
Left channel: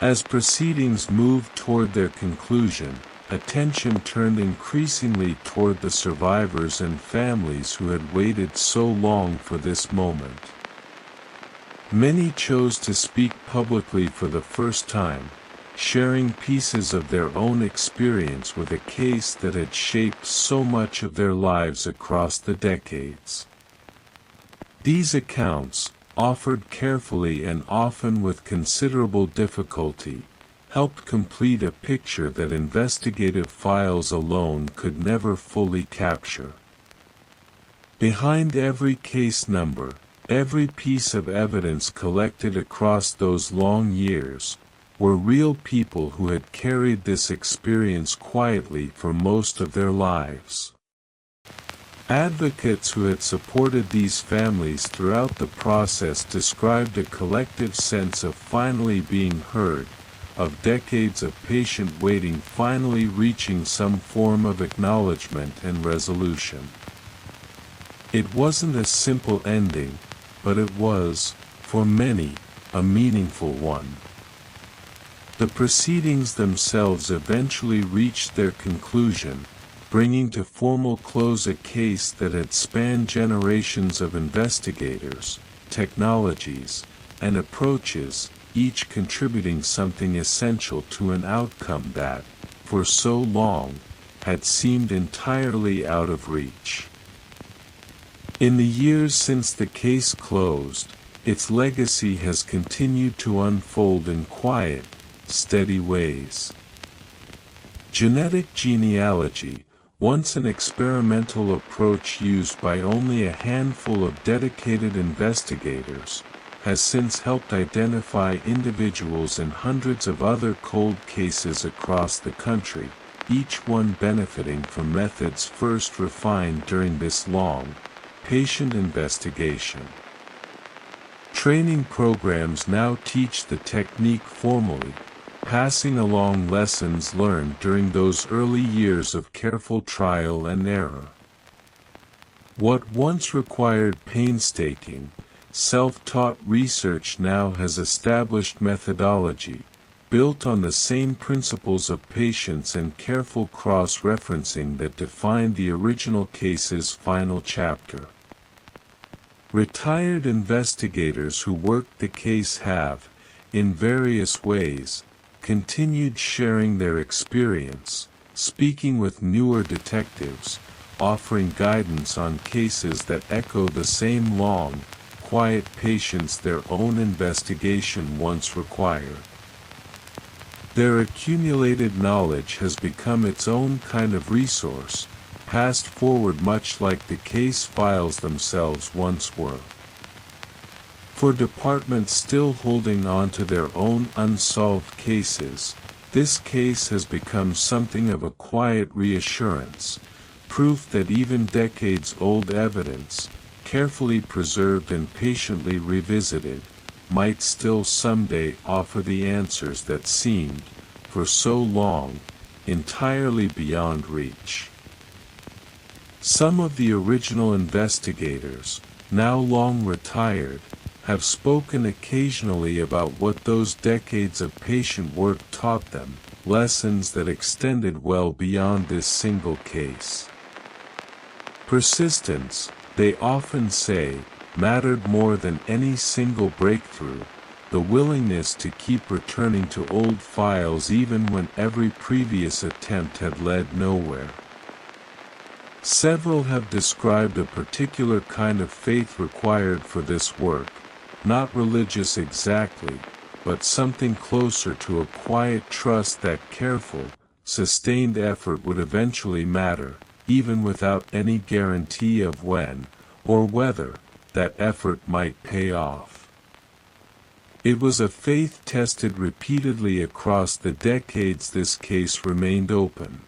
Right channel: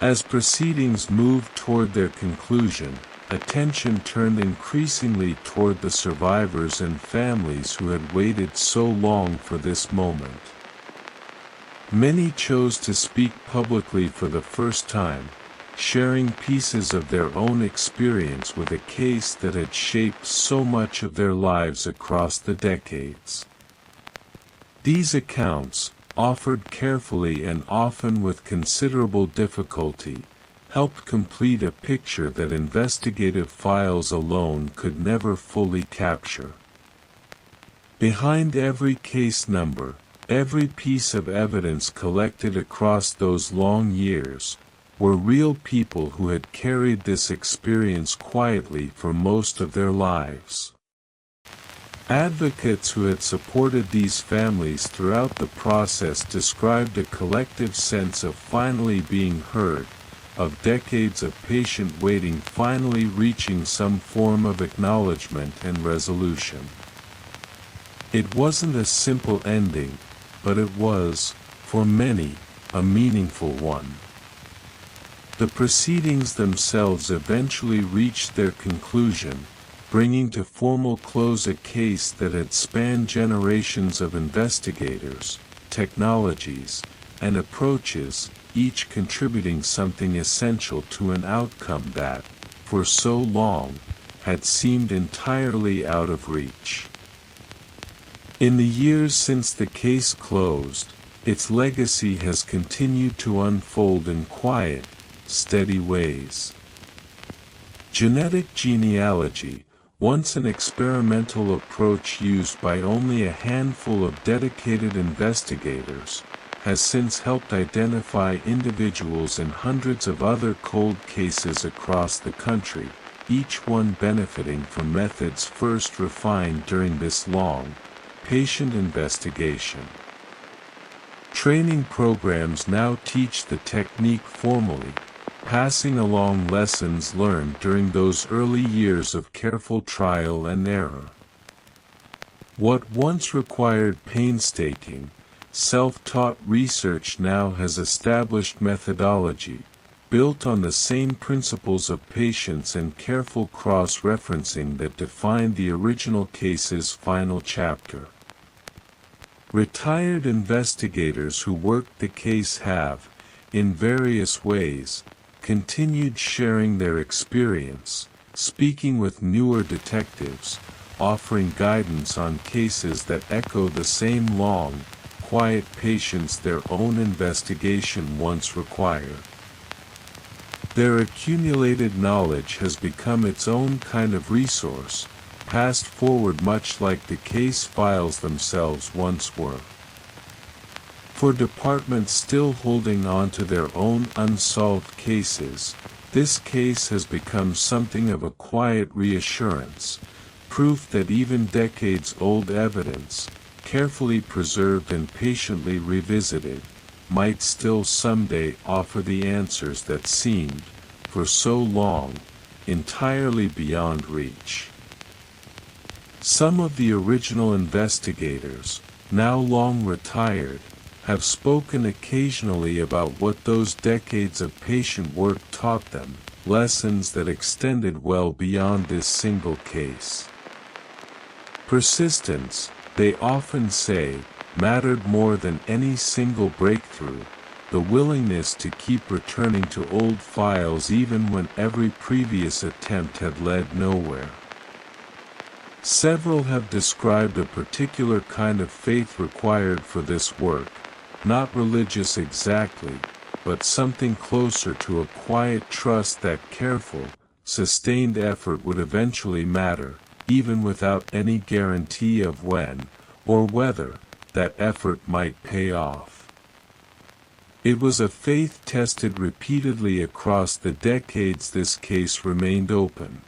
As proceedings moved toward their conclusion, attention turned increasingly toward the survivors and families who had waited so long for this moment. Many chose to speak publicly for the first time, sharing pieces of their own experience with a case that had shaped so much of their lives across the decades. These accounts, offered carefully and often with considerable difficulty, helped complete a picture that investigative files alone could never fully capture. Behind every case number, every piece of evidence collected across those long years, were real people who had carried this experience quietly for most of their lives. Advocates who had supported these families throughout the process described a collective sense of finally being heard, of decades of patient waiting finally reaching some form of acknowledgement and resolution. It wasn't a simple ending, but it was, for many, a meaningful one. The proceedings themselves eventually reached their conclusion, bringing to formal close a case that had spanned generations of investigators, technologies, and approaches, each contributing something essential to an outcome that, for so long, had seemed entirely out of reach. In the years since the case closed, its legacy has continued to unfold in quiet, steady ways. Genetic genealogy, once an experimental approach used by only a handful of dedicated investigators, has since helped identify individuals in hundreds of other cold cases across the country, each one benefiting from methods first refined during this long, patient investigation. Training programs now teach the technique formally, passing along lessons learned during those early years of careful trial and error. What once required painstaking, self-taught research now has established methodology, built on the same principles of patience and careful cross-referencing that defined the original case's final chapter. Retired investigators who worked the case have, in various ways, continued sharing their experience, speaking with newer detectives, offering guidance on cases that echo the same long, quiet patience their own investigation once required. Their accumulated knowledge has become its own kind of resource, passed forward much like the case files themselves once were. For departments still holding on to their own unsolved cases, this case has become something of a quiet reassurance, proof that even decades-old evidence, carefully preserved and patiently revisited, might still someday offer the answers that seemed, for so long, entirely beyond reach. Some of the original investigators, now long retired, have spoken occasionally about what those decades of patient work taught them, lessons that extended well beyond this single case. Persistence, they often say, mattered more than any single breakthrough, the willingness to keep returning to old files even when every previous attempt had led nowhere. Several have described a particular kind of faith required for this work, not religious exactly, but something closer to a quiet trust that careful, sustained effort would eventually matter, even without any guarantee of when, or whether, that effort might pay off. It was a faith tested repeatedly across the decades this case remained open.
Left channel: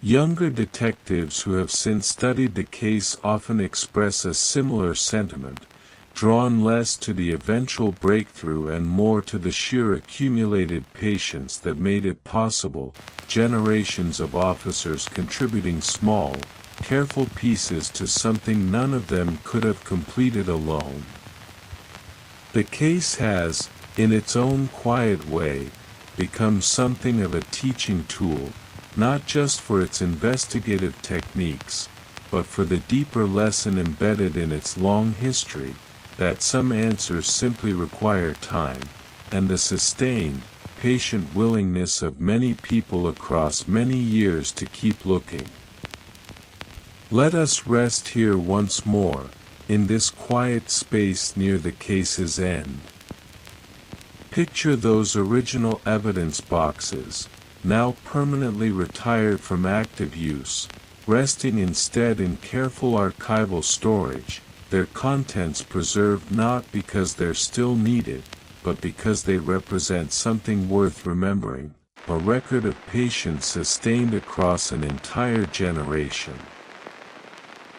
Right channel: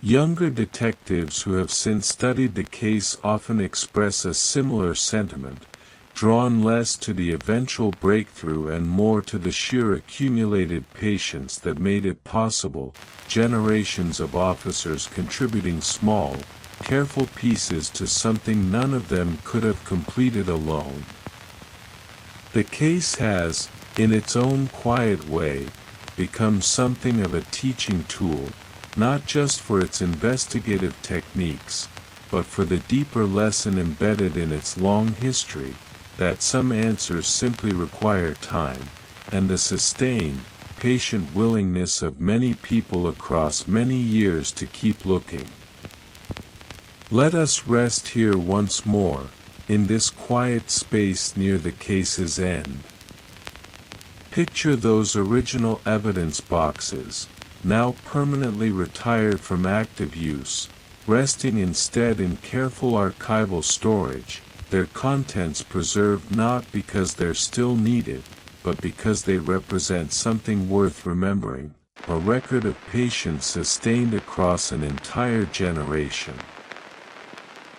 Younger detectives who have since studied the case often express a similar sentiment, drawn less to the eventual breakthrough and more to the sheer accumulated patience that made it possible, generations of officers contributing small, careful pieces to something none of them could have completed alone. The case has, in its own quiet way, become something of a teaching tool, not just for its investigative techniques, but for the deeper lesson embedded in its long history, that some answers simply require time, and the sustained, patient willingness of many people across many years to keep looking. Let us rest here once more, in this quiet space near the case's end. Picture those original evidence boxes, now permanently retired from active use, resting instead in careful archival storage, their contents preserved not because they're still needed, but because they represent something worth remembering, a record of patience sustained across an entire generation.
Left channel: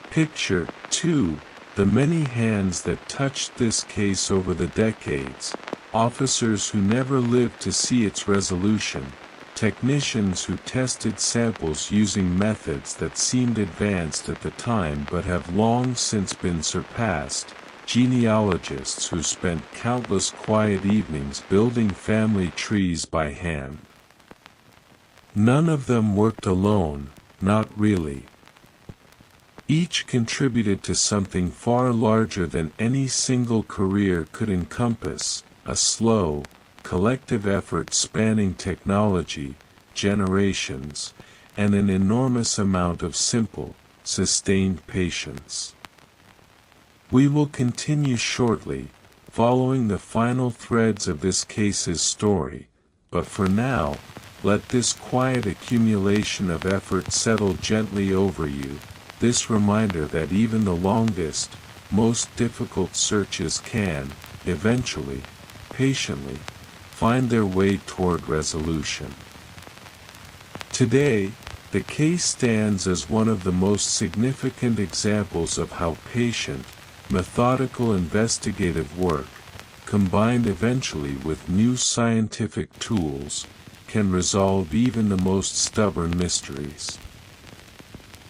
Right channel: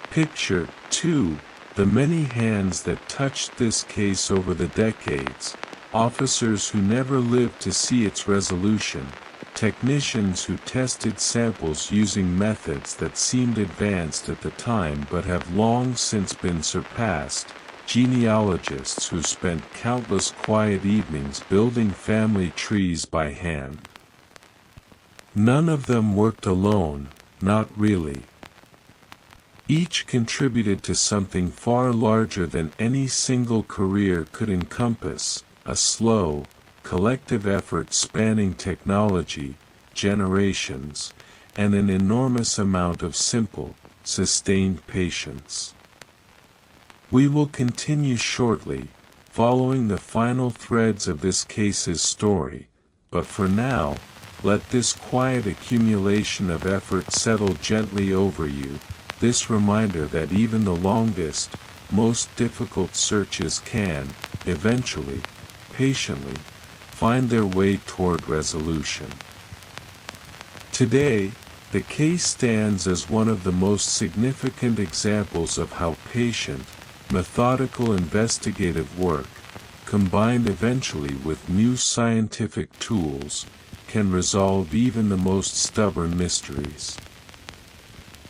Picture, too, the many hands that touched this case over the decades, officers who never lived to see its resolution, technicians who tested samples using methods that seemed advanced at the time but have long since been surpassed, genealogists who spent countless quiet evenings building family trees by hand. None of them worked alone, not really. Each contributed to something far larger than any single career could encompass, a slow, collective effort spanning technology, generations, and an enormous amount of simple, sustained patience. We will continue shortly, following the final threads of this case's story, but for now, let this quiet accumulation of effort settle gently over you, this reminder that even the longest, most difficult searches can, eventually, patiently, find their way toward resolution. Today, the case stands as one of the most significant examples of how patient, methodical investigative work, combined eventually with new scientific tools, can resolve even the most stubborn mysteries.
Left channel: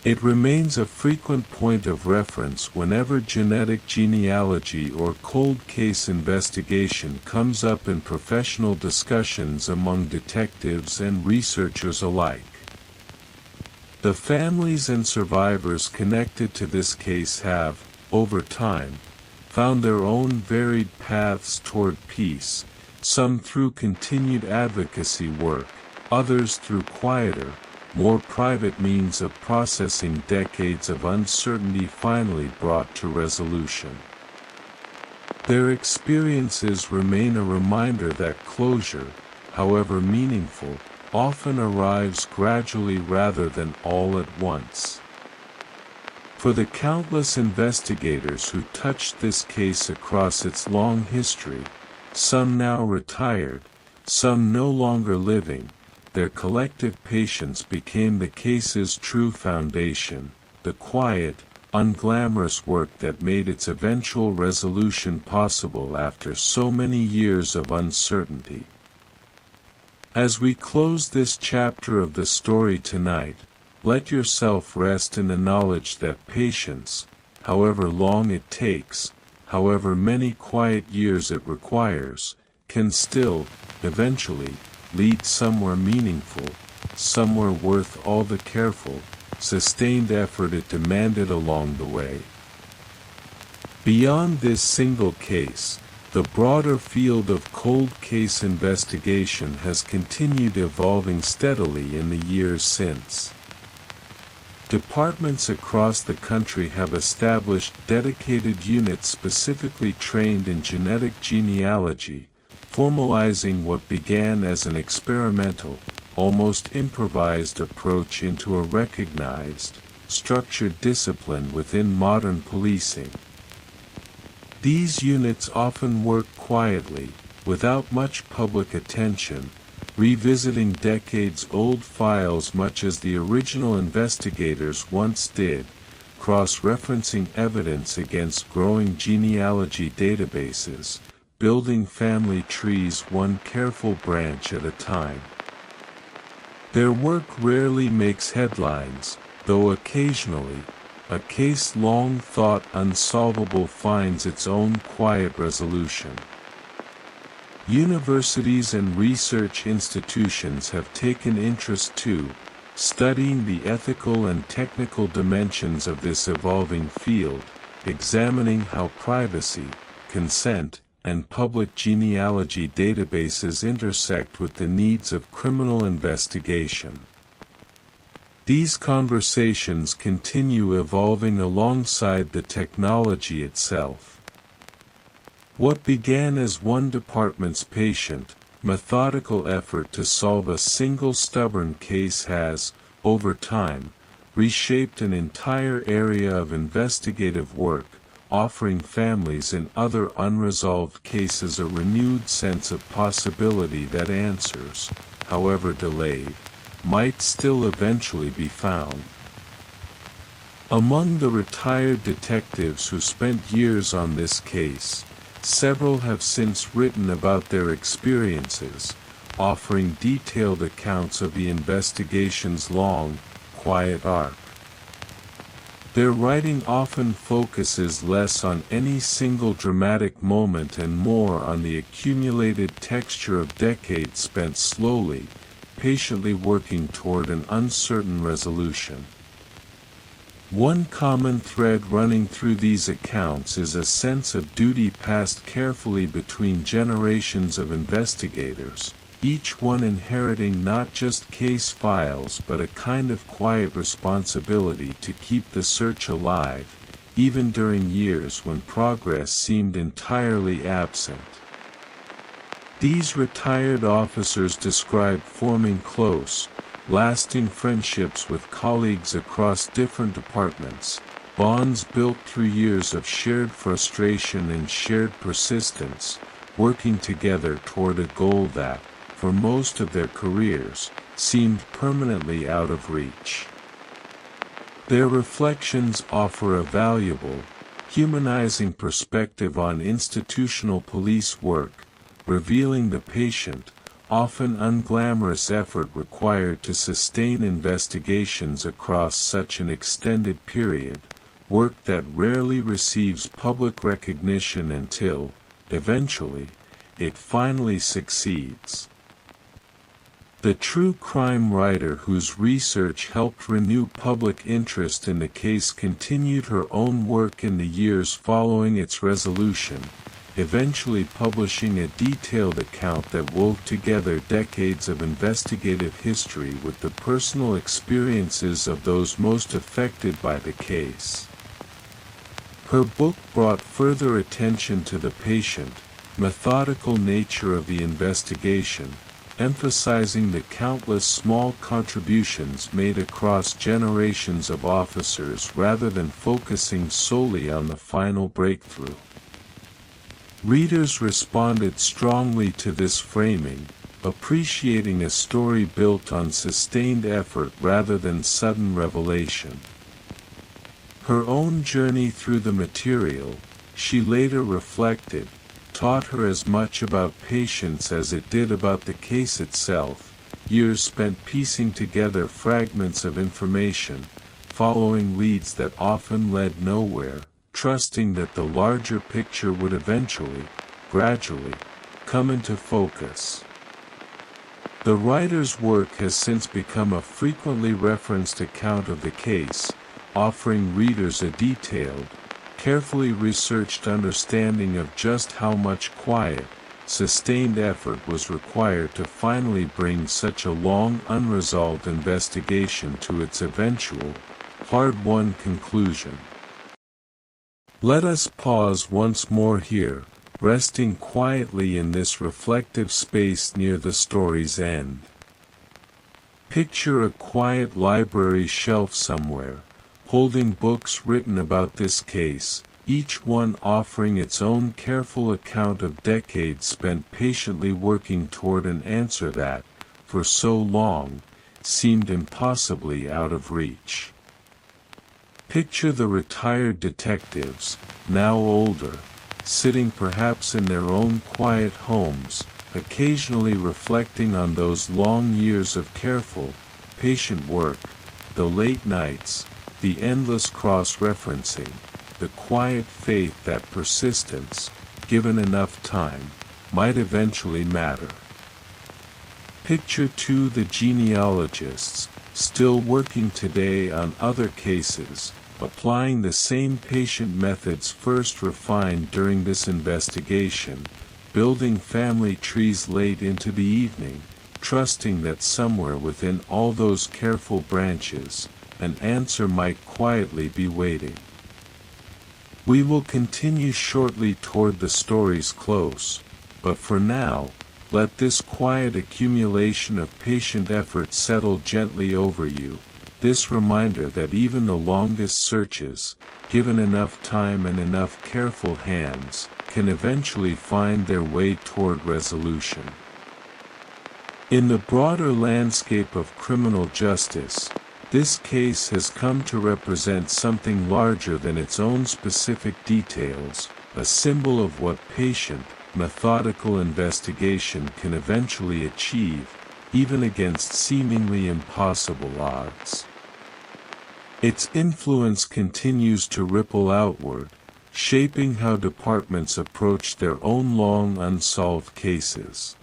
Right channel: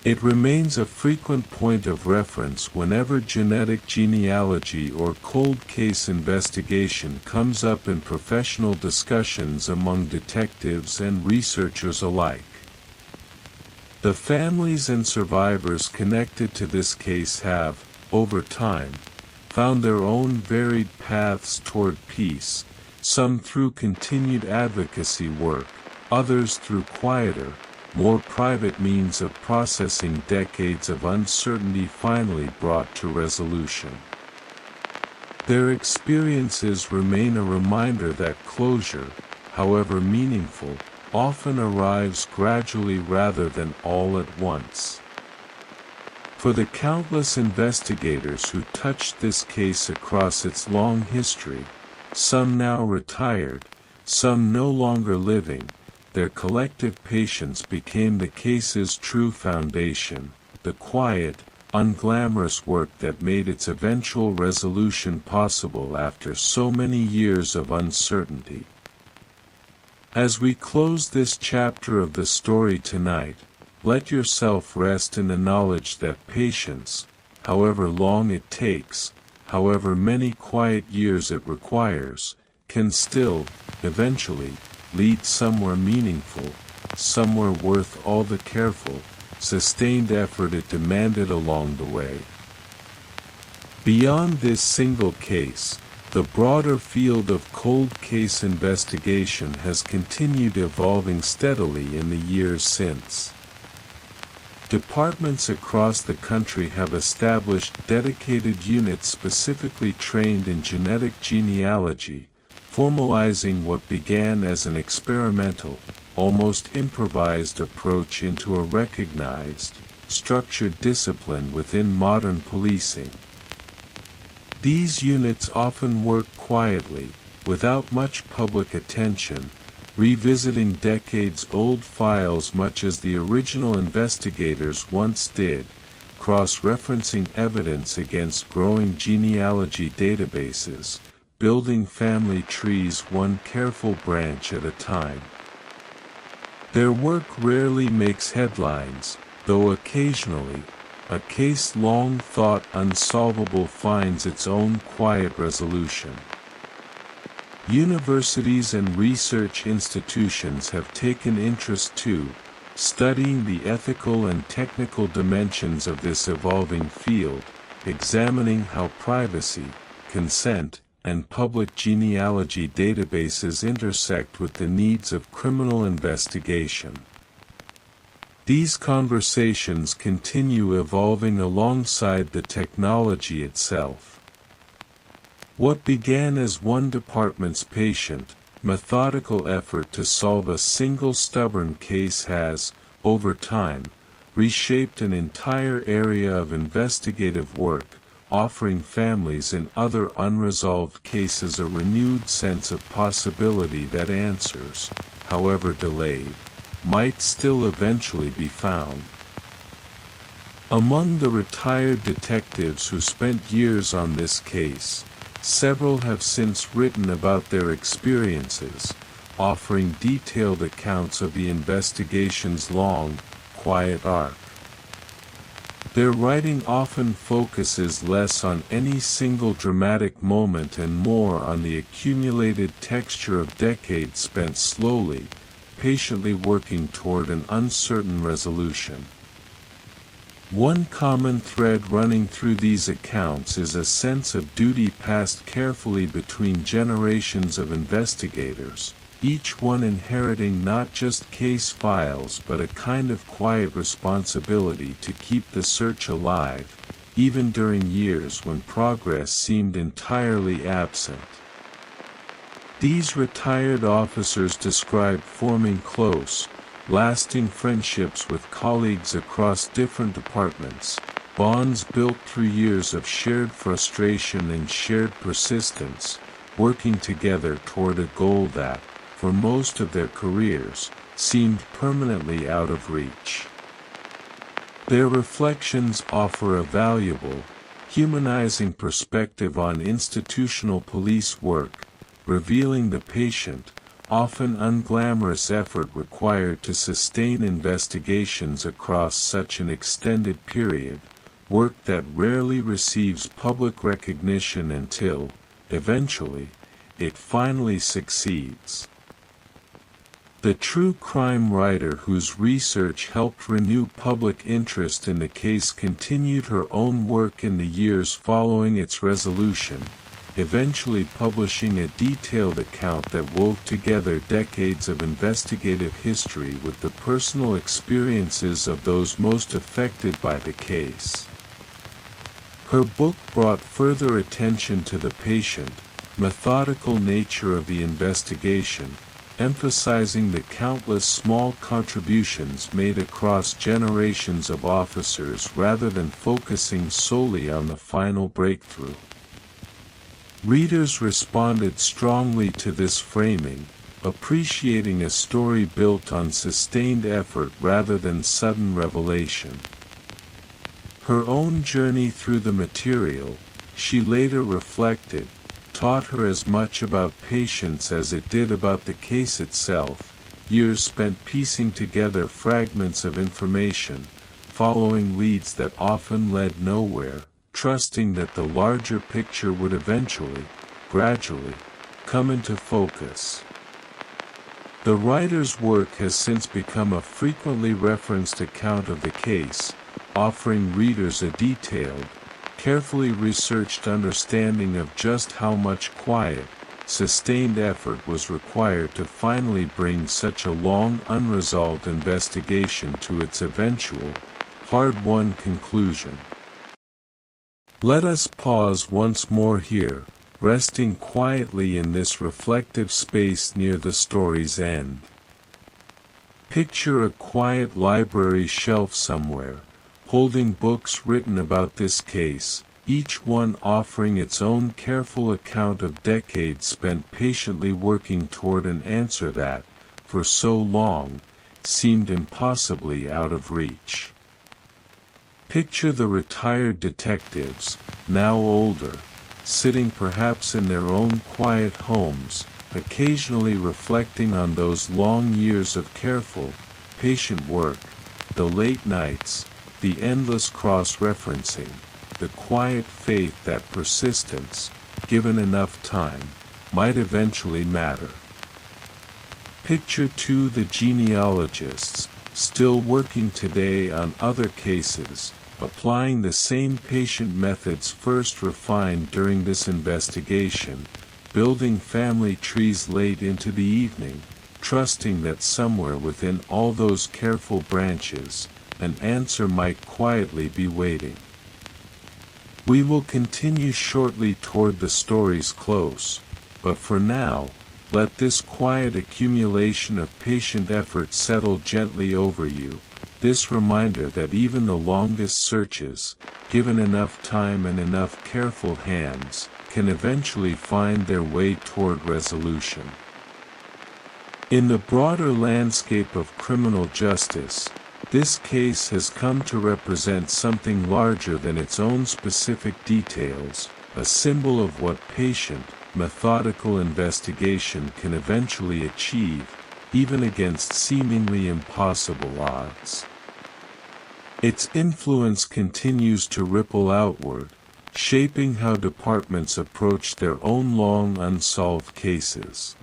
It remains a frequent point of reference whenever genetic genealogy or cold case investigation comes up in professional discussions among detectives and researchers alike. The families and survivors connected to this case have, over time, found their own varied paths toward peace, some through continued advocacy work, others through quieter, more private means of processing decades of uncertainty finally brought to resolution. Their experiences remain a reminder that closure, however meaningful, often arrives gradually rather than all at once. For the countless investigators who touched this case across its long history, some now retired, some no longer living, their collective patience became the case's true foundation, the quiet, unglamorous work that made its eventual resolution possible after so many years of uncertainty. As we close this chapter of the story tonight, let yourself rest in the knowledge that patience, however long it takes, however many quiet years it requires, can still, eventually, lead somewhere meaningful, somewhere worth all the careful, sustained effort it demanded along the way. Beyond this single case, the broader field of cold case investigation has continued evolving steadily in the years since. Departments across the country have established dedicated units specifically trained in genetic genealogy, formalizing what began as an experimental, almost improvised approach into a recognized, structured discipline within modern policing. These units often work quietly, without much public attention, revisiting decades-old files much as the original investigators once did, cross-referencing evidence against growing genealogy databases, building family trees one careful branch at a time. Their work rarely makes headlines, though occasionally, a case long thought unsolvable finds its own quiet resolution. Universities and research institutions have taken interest too, studying the ethical and technical dimensions of this evolving field, examining how privacy, consent, and public genealogy databases intersect with the needs of criminal investigation. These conversations continue evolving alongside the technology itself. What began as one department's patient, methodical effort to solve a single stubborn case has, over time, reshaped an entire area of investigative work, offering families in other unresolved cases a renewed sense of possibility that answers, however delayed, might still eventually be found. Among the retired detectives who spent years on this case, several have since written about their experiences, offering detailed accounts of the investigation's long, quiet arc. Their writing often focuses less on any single dramatic moment and more on the accumulated texture of decades spent slowly, patiently working toward an uncertain resolution. One common thread running through these accounts is a sense of duty passed carefully between generations of investigators, each one inheriting not just case files but a kind of quiet responsibility to keep the search alive, even during years when progress seemed entirely absent. These retired officers describe forming close, lasting friendships with colleagues across different departments, bonds built through years of shared frustration and shared persistence, working together toward a goal that, for most of their careers, seemed permanently out of reach. Their reflections offer a valuable, humanizing perspective on institutional police work, revealing the patient, often unglamorous effort required to sustain investigations across such an extended period, work that rarely receives public recognition until, eventually, it finally succeeds. The true crime writer whose research helped renew public interest in the case continued her own work in the years following its resolution, eventually publishing a detailed account that wove together decades of investigative history with the personal experiences of those most affected by the case. Her book brought further attention to the patient, methodical nature of the investigation, emphasizing the countless small contributions made across generations of officers rather than focusing solely on the final breakthrough. Readers responded strongly to this framing, appreciating a story built on sustained effort rather than sudden revelation. Her own journey through the material, she later reflected, taught her as much about patience as it did about the case itself, years spent piecing together fragments of information, following leads that often led nowhere, trusting that the larger picture would eventually, gradually, come into focus. The writer's work has since become a frequently referenced account of the case, offering readers a detailed, carefully researched understanding of just how much quiet, sustained effort was required to finally bring such a long unresolved investigation to its eventual, hard-won conclusion. Let us pause once more here, resting quietly in this reflective space near the story's end. Picture a quiet library shelf somewhere, holding books written about this case, each one offering its own careful account of decades spent patiently working toward an answer that, for so long, seemed impossibly out of reach. Picture the retired detectives, now older, sitting perhaps in their own quiet homes, occasionally reflecting on those long years of careful, patient work, the late nights, the endless cross-referencing, the quiet faith that persistence, given enough time, might eventually matter. Picture too the genealogists, still working today on other cases, applying the same patient methods first refined during this investigation, building family trees late into the evening, trusting that somewhere within all those careful branches, an answer might quietly be waiting. We will continue shortly toward the story's close, but for now, let this quiet accumulation of patient effort settle gently over you, this reminder that even the longest searches, given enough time and enough careful hands, can eventually find their way toward resolution. In the broader landscape of criminal justice, this case has come to represent something larger than its own specific details, a symbol of what patient, methodical investigation can eventually achieve, even against seemingly impossible odds. Its influence continues to ripple outward, shaping how departments approach their own long unsolved cases.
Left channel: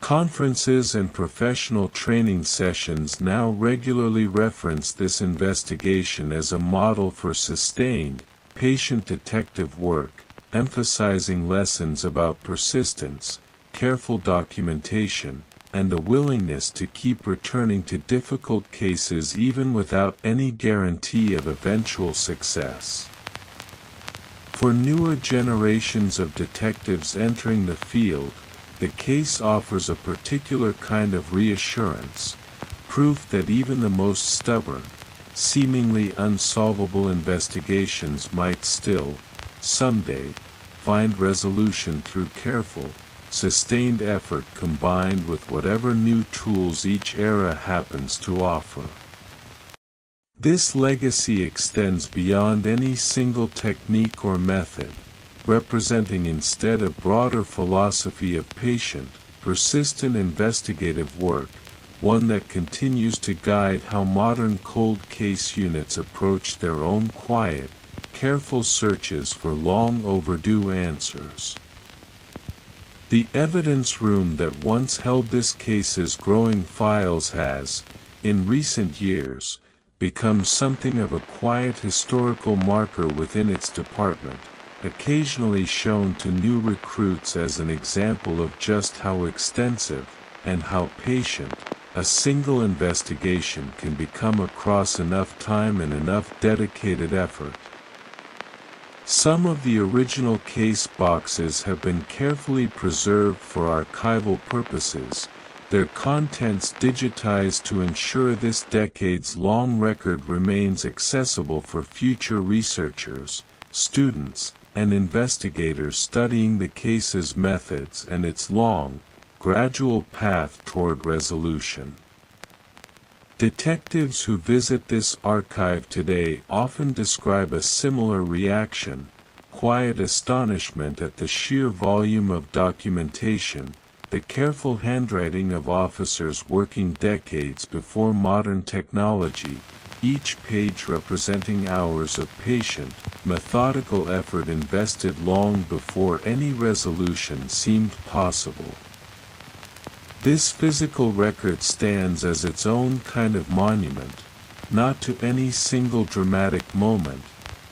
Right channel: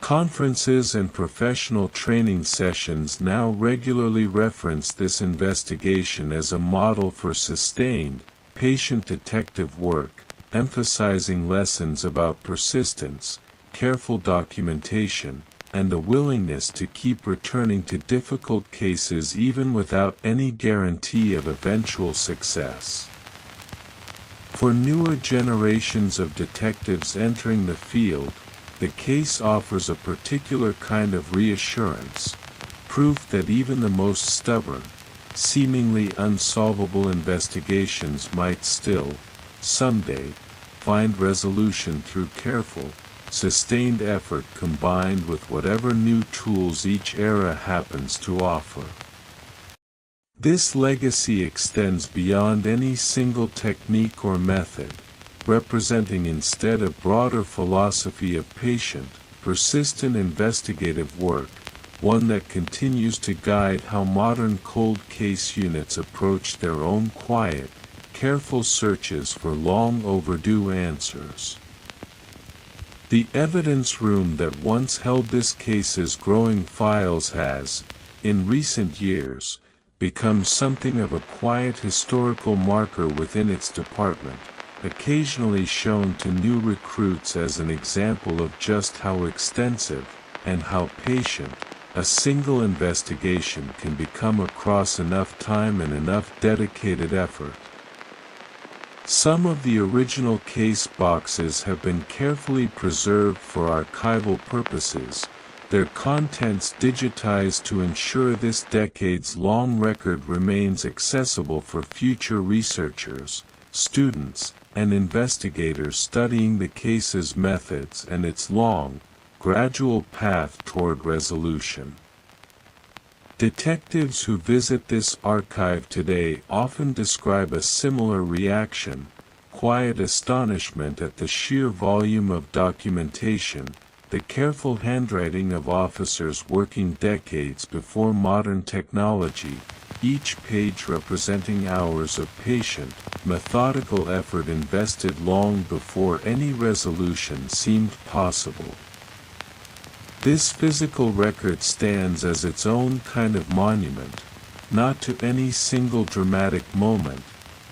Conferences and professional training sessions now regularly reference this investigation as a model for sustained, patient detective work, emphasizing lessons about persistence, careful documentation, and the willingness to keep returning to difficult cases even without any guarantee of eventual success. For newer generations of detectives entering the field, the case offers a particular kind of reassurance, proof that even the most stubborn, seemingly unsolvable investigations might still, someday, find resolution through careful, sustained effort combined with whatever new tools each era happens to offer. This legacy extends beyond any single technique or method, representing instead a broader philosophy of patient, persistent investigative work, one that continues to guide how modern cold case units approach their own quiet, careful searches for long overdue answers. The evidence room that once held this case's growing files has, in recent years, become something of a quiet historical marker within its department, occasionally shown to new recruits as an example of just how extensive, and how patient, a single investigation can become across enough time and enough dedicated effort. Some of the original case boxes have been carefully preserved for archival purposes, their contents digitized to ensure this decades-long record remains accessible for future researchers, students, and investigators studying the case's methods and its long, gradual path toward resolution. Detectives who visit this archive today often describe a similar reaction, quiet astonishment at the sheer volume of documentation, the careful handwriting of officers working decades before modern technology, each page representing hours of patient, methodical effort invested long before any resolution seemed possible. This physical record stands as its own kind of monument, not to any single dramatic moment,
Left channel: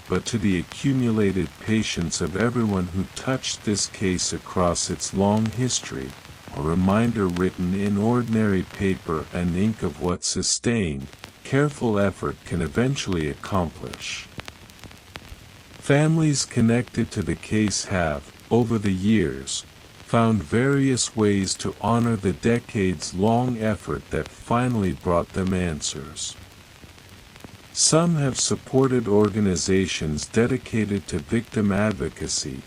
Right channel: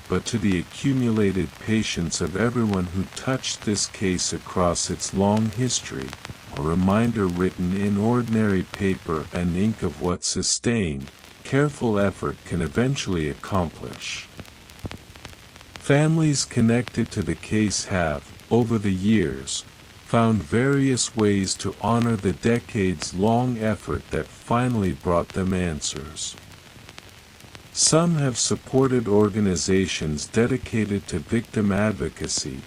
but to the accumulated patience of everyone who touched this case across its long history, a reminder written in ordinary paper and ink of what sustained, careful effort can eventually accomplish. Families connected to the case have, over the years, found various ways to honor the decades-long effort that finally brought them answers. Some have supported organizations dedicated to victim advocacy,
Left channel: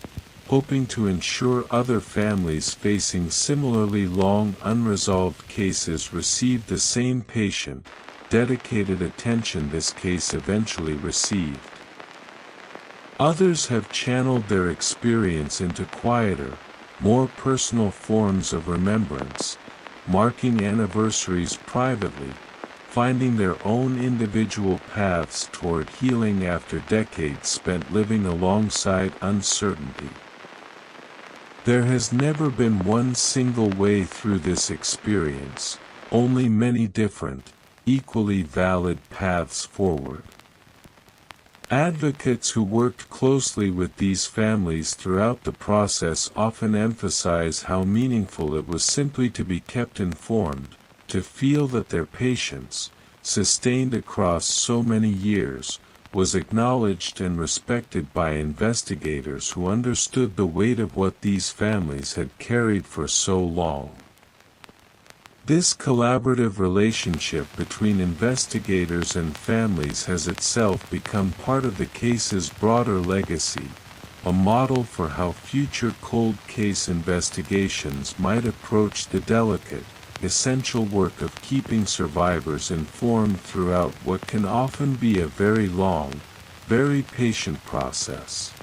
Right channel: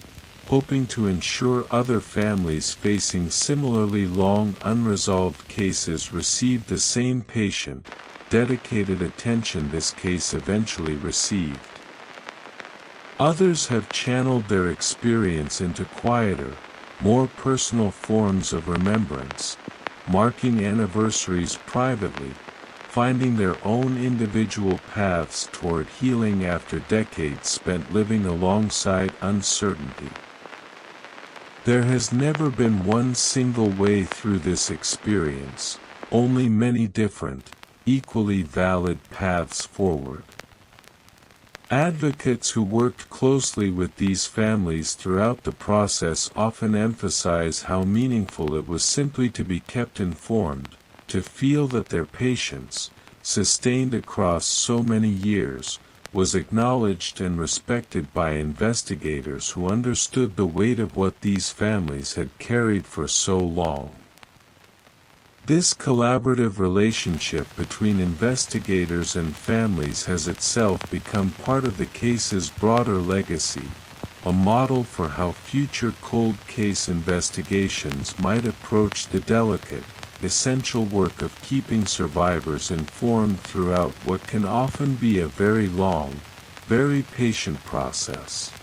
hoping to ensure other families facing similarly long unresolved cases receive the same patient, dedicated attention this case eventually received. Others have channeled their experience into quieter, more personal forms of remembrance, marking anniversaries privately, finding their own individual paths toward healing after decades spent living alongside uncertainty. There has never been one single way through this experience, only many different, equally valid paths forward. Advocates who worked closely with these families throughout the process often emphasize how meaningful it was simply to be kept informed, to feel that their patience, sustained across so many years, was acknowledged and respected by investigators who understood the weight of what these families had carried for so long. This collaborative relationship between investigators and families has itself become part of the case's broader legacy, a model for how future cold case investigations might approach the delicate, essential work of keeping survivors informed throughout what can often be a very long, very patient process.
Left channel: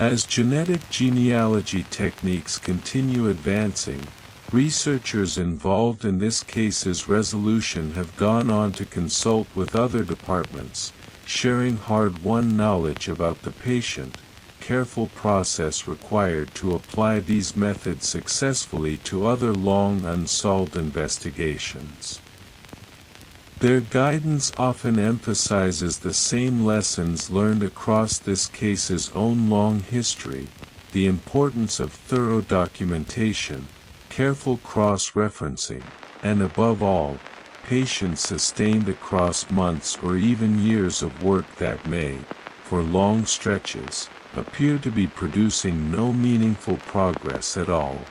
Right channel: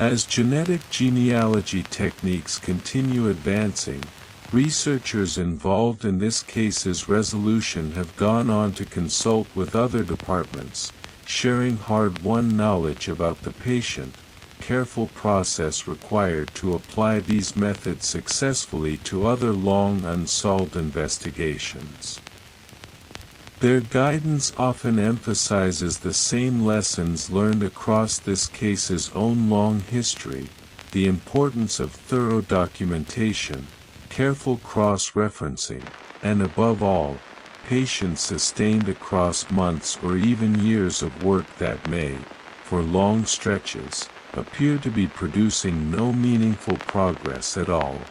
As genetic genealogy techniques continue advancing, researchers involved in this case's resolution have gone on to consult with other departments, sharing hard-won knowledge about the patient, careful process required to apply these methods successfully to other long unsolved investigations. Their guidance often emphasizes the same lessons learned across this case's own long history: the importance of thorough documentation, careful cross-referencing, and above all, patience sustained across months or even years of work that may, for long stretches, appear to be producing no meaningful progress at all.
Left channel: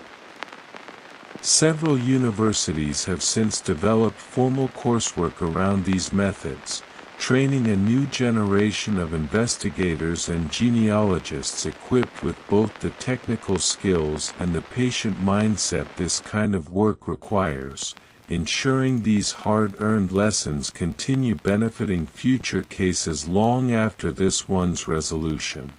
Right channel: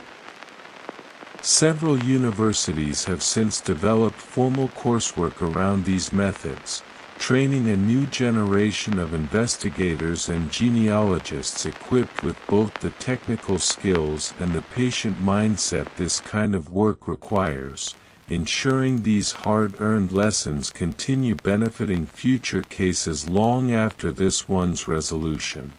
Several universities have since developed formal coursework around these methods, training a new generation of investigators and genealogists equipped with both the technical skills and the patient mindset this kind of work requires, ensuring these hard-earned lessons continue benefiting future cases long after this one's resolution.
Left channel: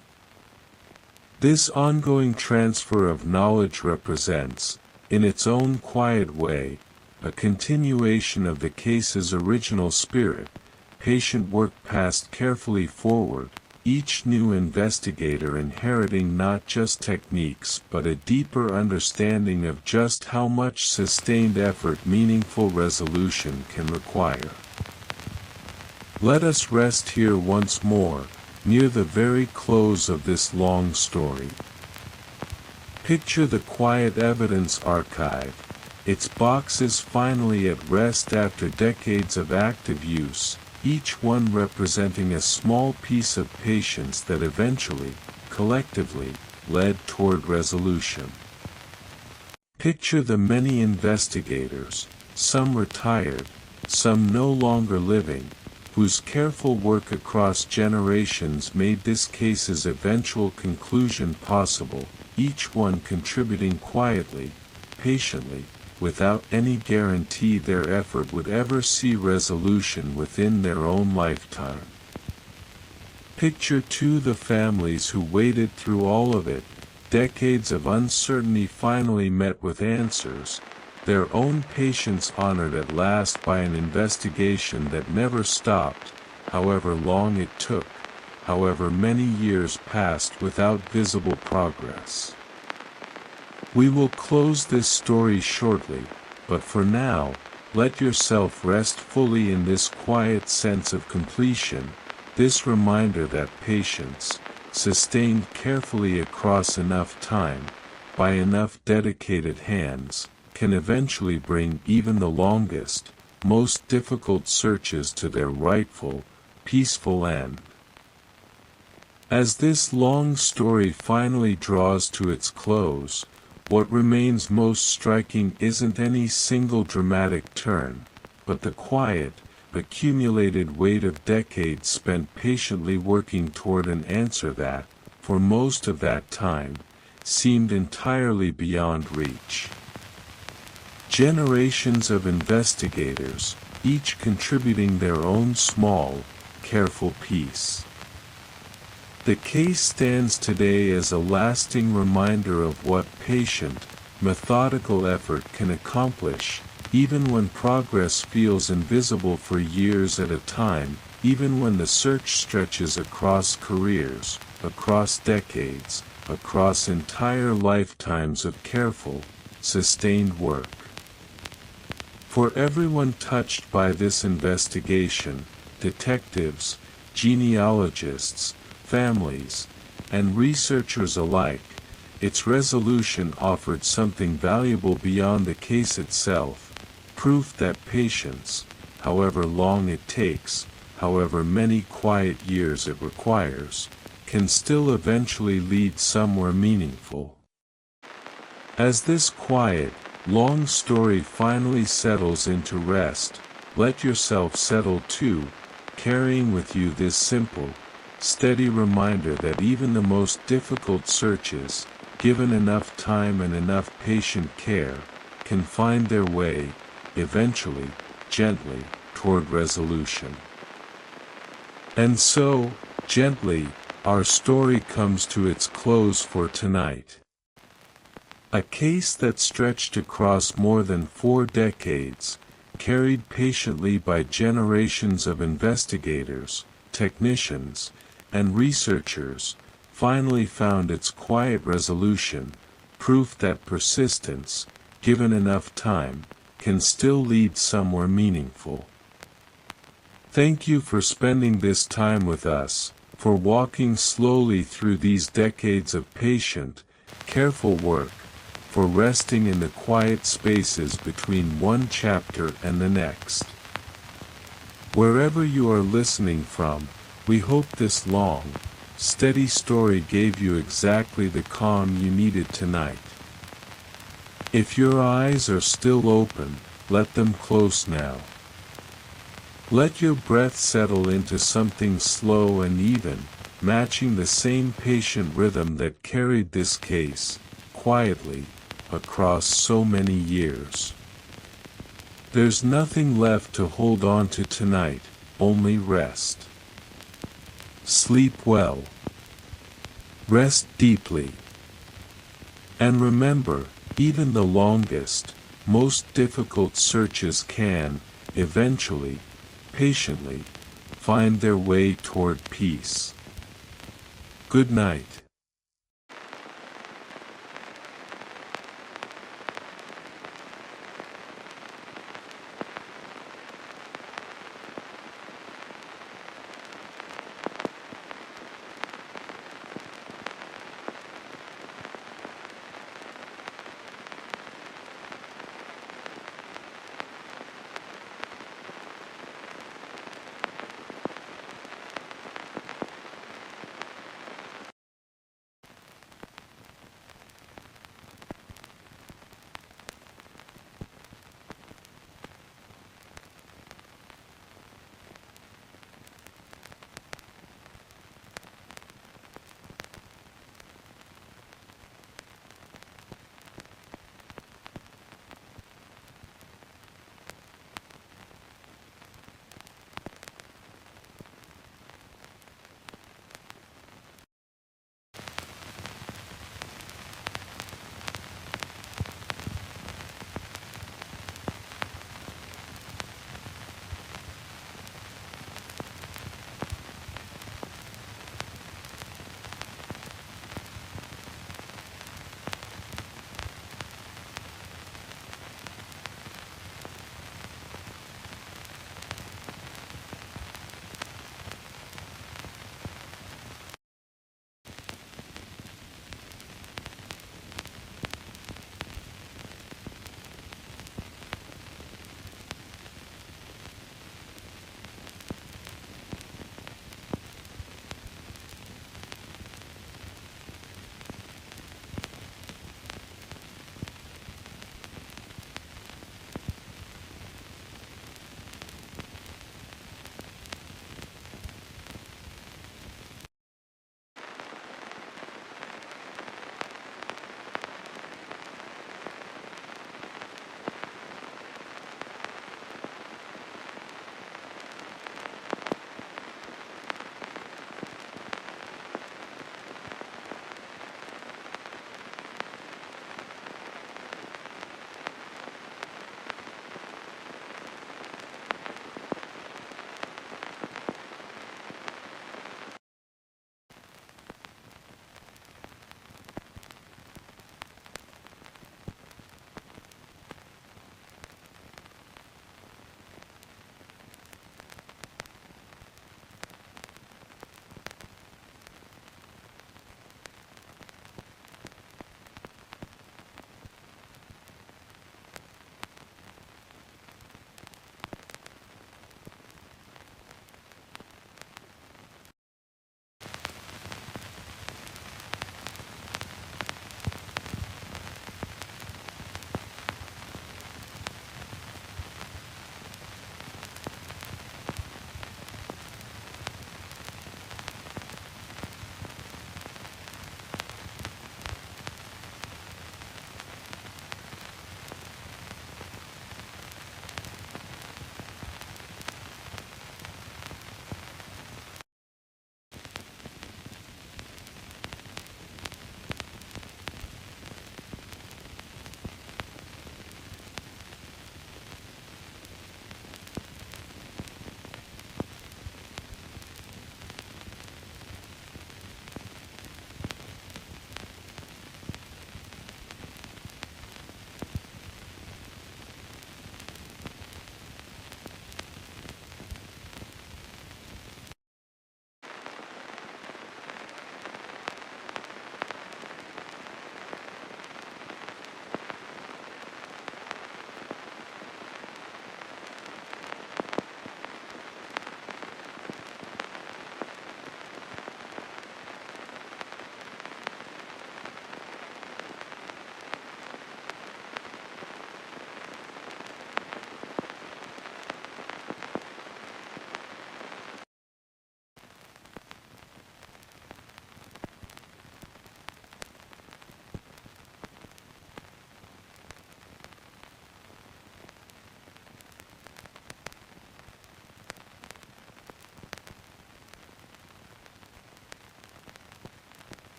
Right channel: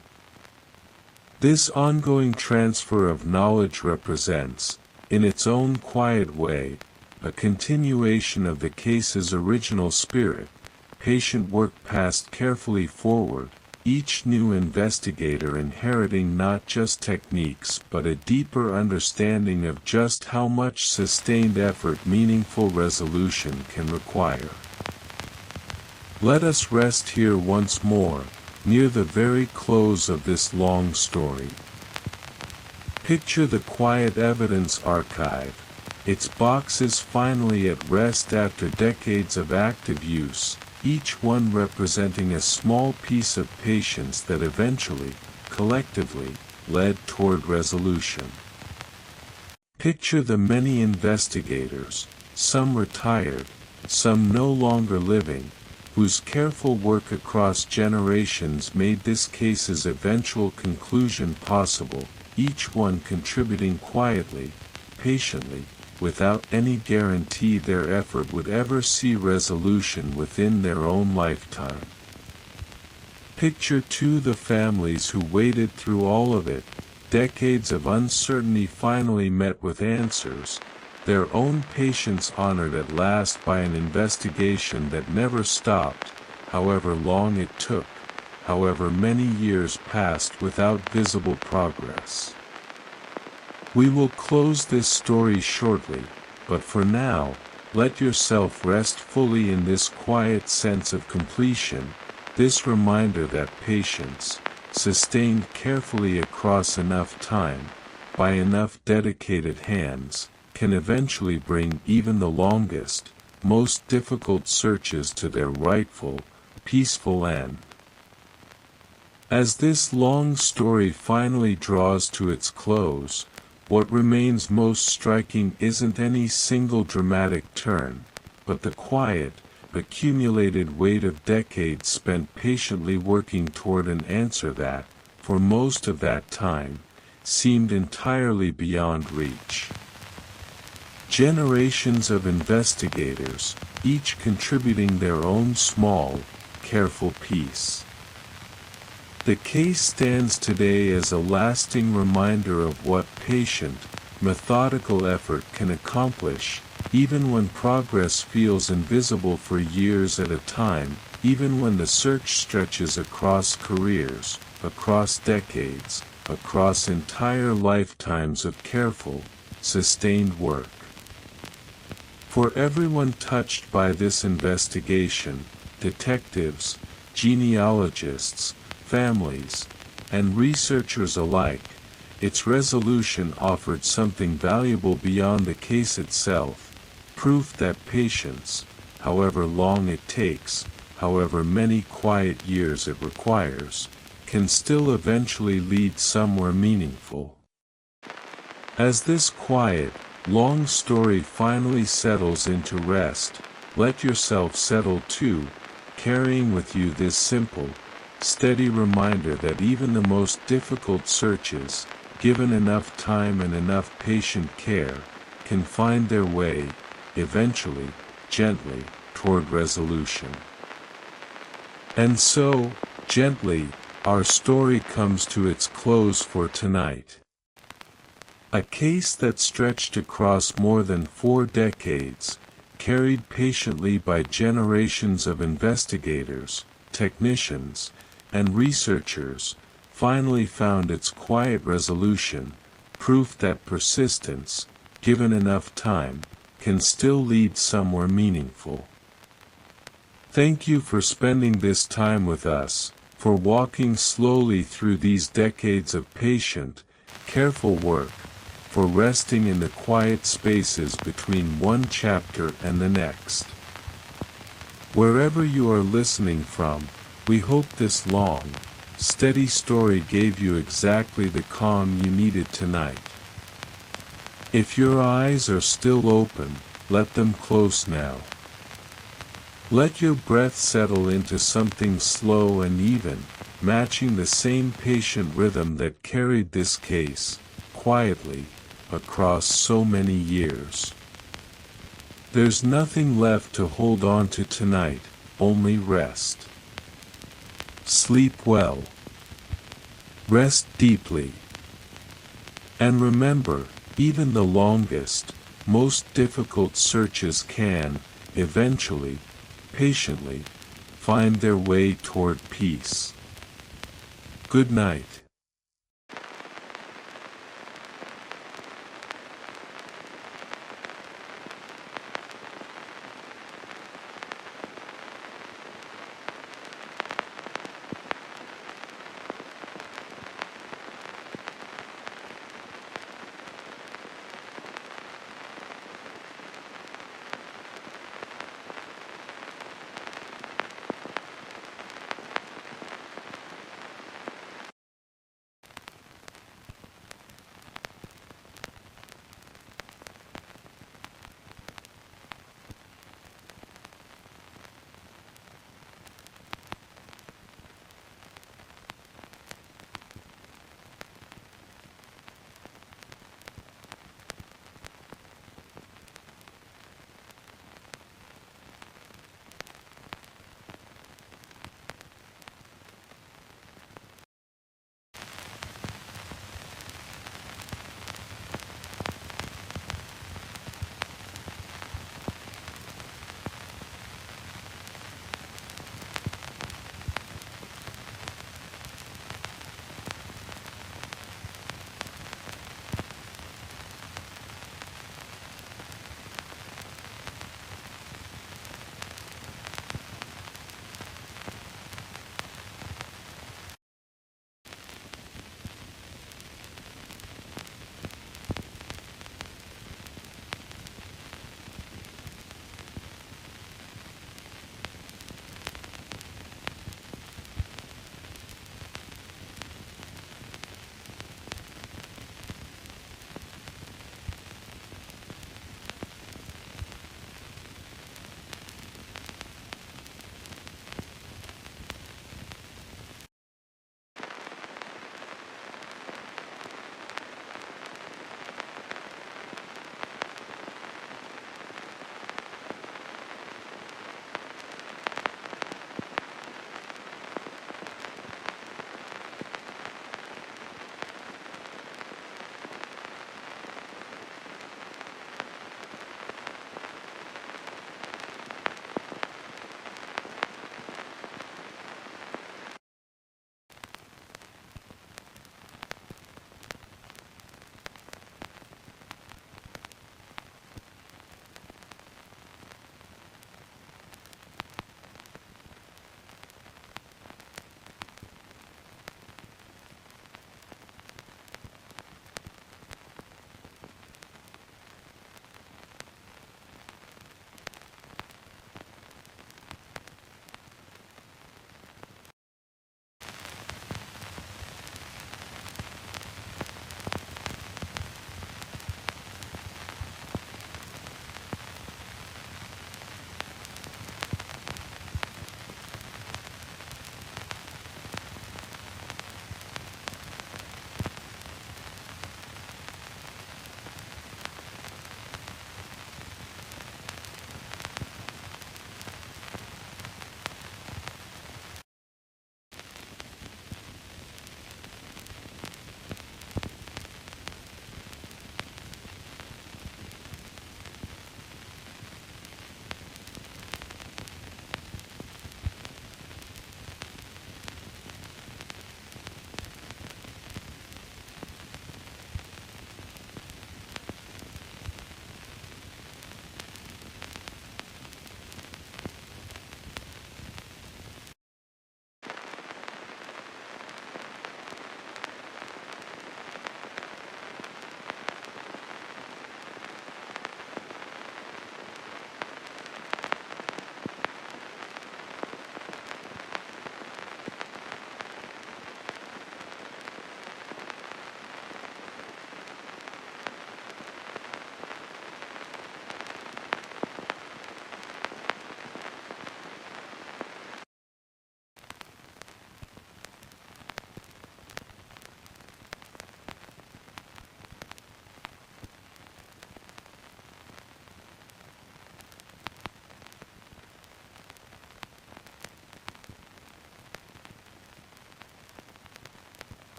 This ongoing transfer of knowledge represents, in its own quiet way, a continuation of the case's original spirit: patient work passed carefully forward, each new investigator inheriting not just techniques but a deeper understanding of just how much sustained effort meaningful resolution can require. Let us rest here once more, near the very close of this long story. Picture the quiet evidence archive, its boxes finally at rest after decades of active use, each one representing a small piece of patience that eventually, collectively, led toward resolution. Picture the many investigators, some retired, some no longer living, whose careful work across generations made this case's eventual conclusion possible, each one contributing quietly, patiently, without any guarantee their effort would ever see resolution within their own lifetime. Picture too the families who waited through all of it, decades of uncertainty finally met with answers, their own patience honored at last by an investigation that never stopped, however long it took, however many years passed without visible progress. We will close this story shortly, but for now, let yourself rest fully in this quiet sense of completion, this reminder that patience, sustained carefully across enough time, by enough dedicated hands, can eventually bring even the longest, most difficult searches to their rightful, peaceful end. As this long story finally draws to its close, what remains most striking isn't any single dramatic turn, but the quiet, accumulated weight of decades spent patiently working toward an answer that, for most of that time, seemed entirely beyond reach. Generations of investigators, each contributing their own small, careful piece. The case stands today as a lasting reminder of what patient, methodical effort can accomplish, even when progress feels invisible for years at a time, even when the search stretches across careers, across decades, across entire lifetimes of careful, sustained work. For everyone touched by this investigation, detectives, genealogists, families, and researchers alike, its resolution offered something valuable beyond the case itself, proof that patience, however long it takes, however many quiet years it requires, can still eventually lead somewhere meaningful. As this quiet, long story finally settles into rest, let yourself settle too, carrying with you this simple, steady reminder that even the most difficult searches, given enough time and enough patient care, can find their way, eventually, gently, toward resolution. And so, gently, our story comes to its close for tonight. A case that stretched across more than 4 decades, carried patiently by generations of investigators, technicians, and researchers, finally found its quiet resolution, proof that persistence, given enough time, can still lead somewhere meaningful. Thank you for spending this time with us, for walking slowly through these decades of patient, careful work, for resting in the quiet spaces between one chapter and the next. Wherever you are listening from, we hope this long, steady story gave you exactly the calm you needed tonight. If your eyes are still open, let them close now. Let your breath settle into something slow and even, matching the same patient rhythm that carried this case, quietly, across so many years. There's nothing left to hold on to tonight, only rest. Sleep well. Rest deeply. And remember, even the longest, most difficult searches can, eventually, patiently, find their way toward peace. Good night.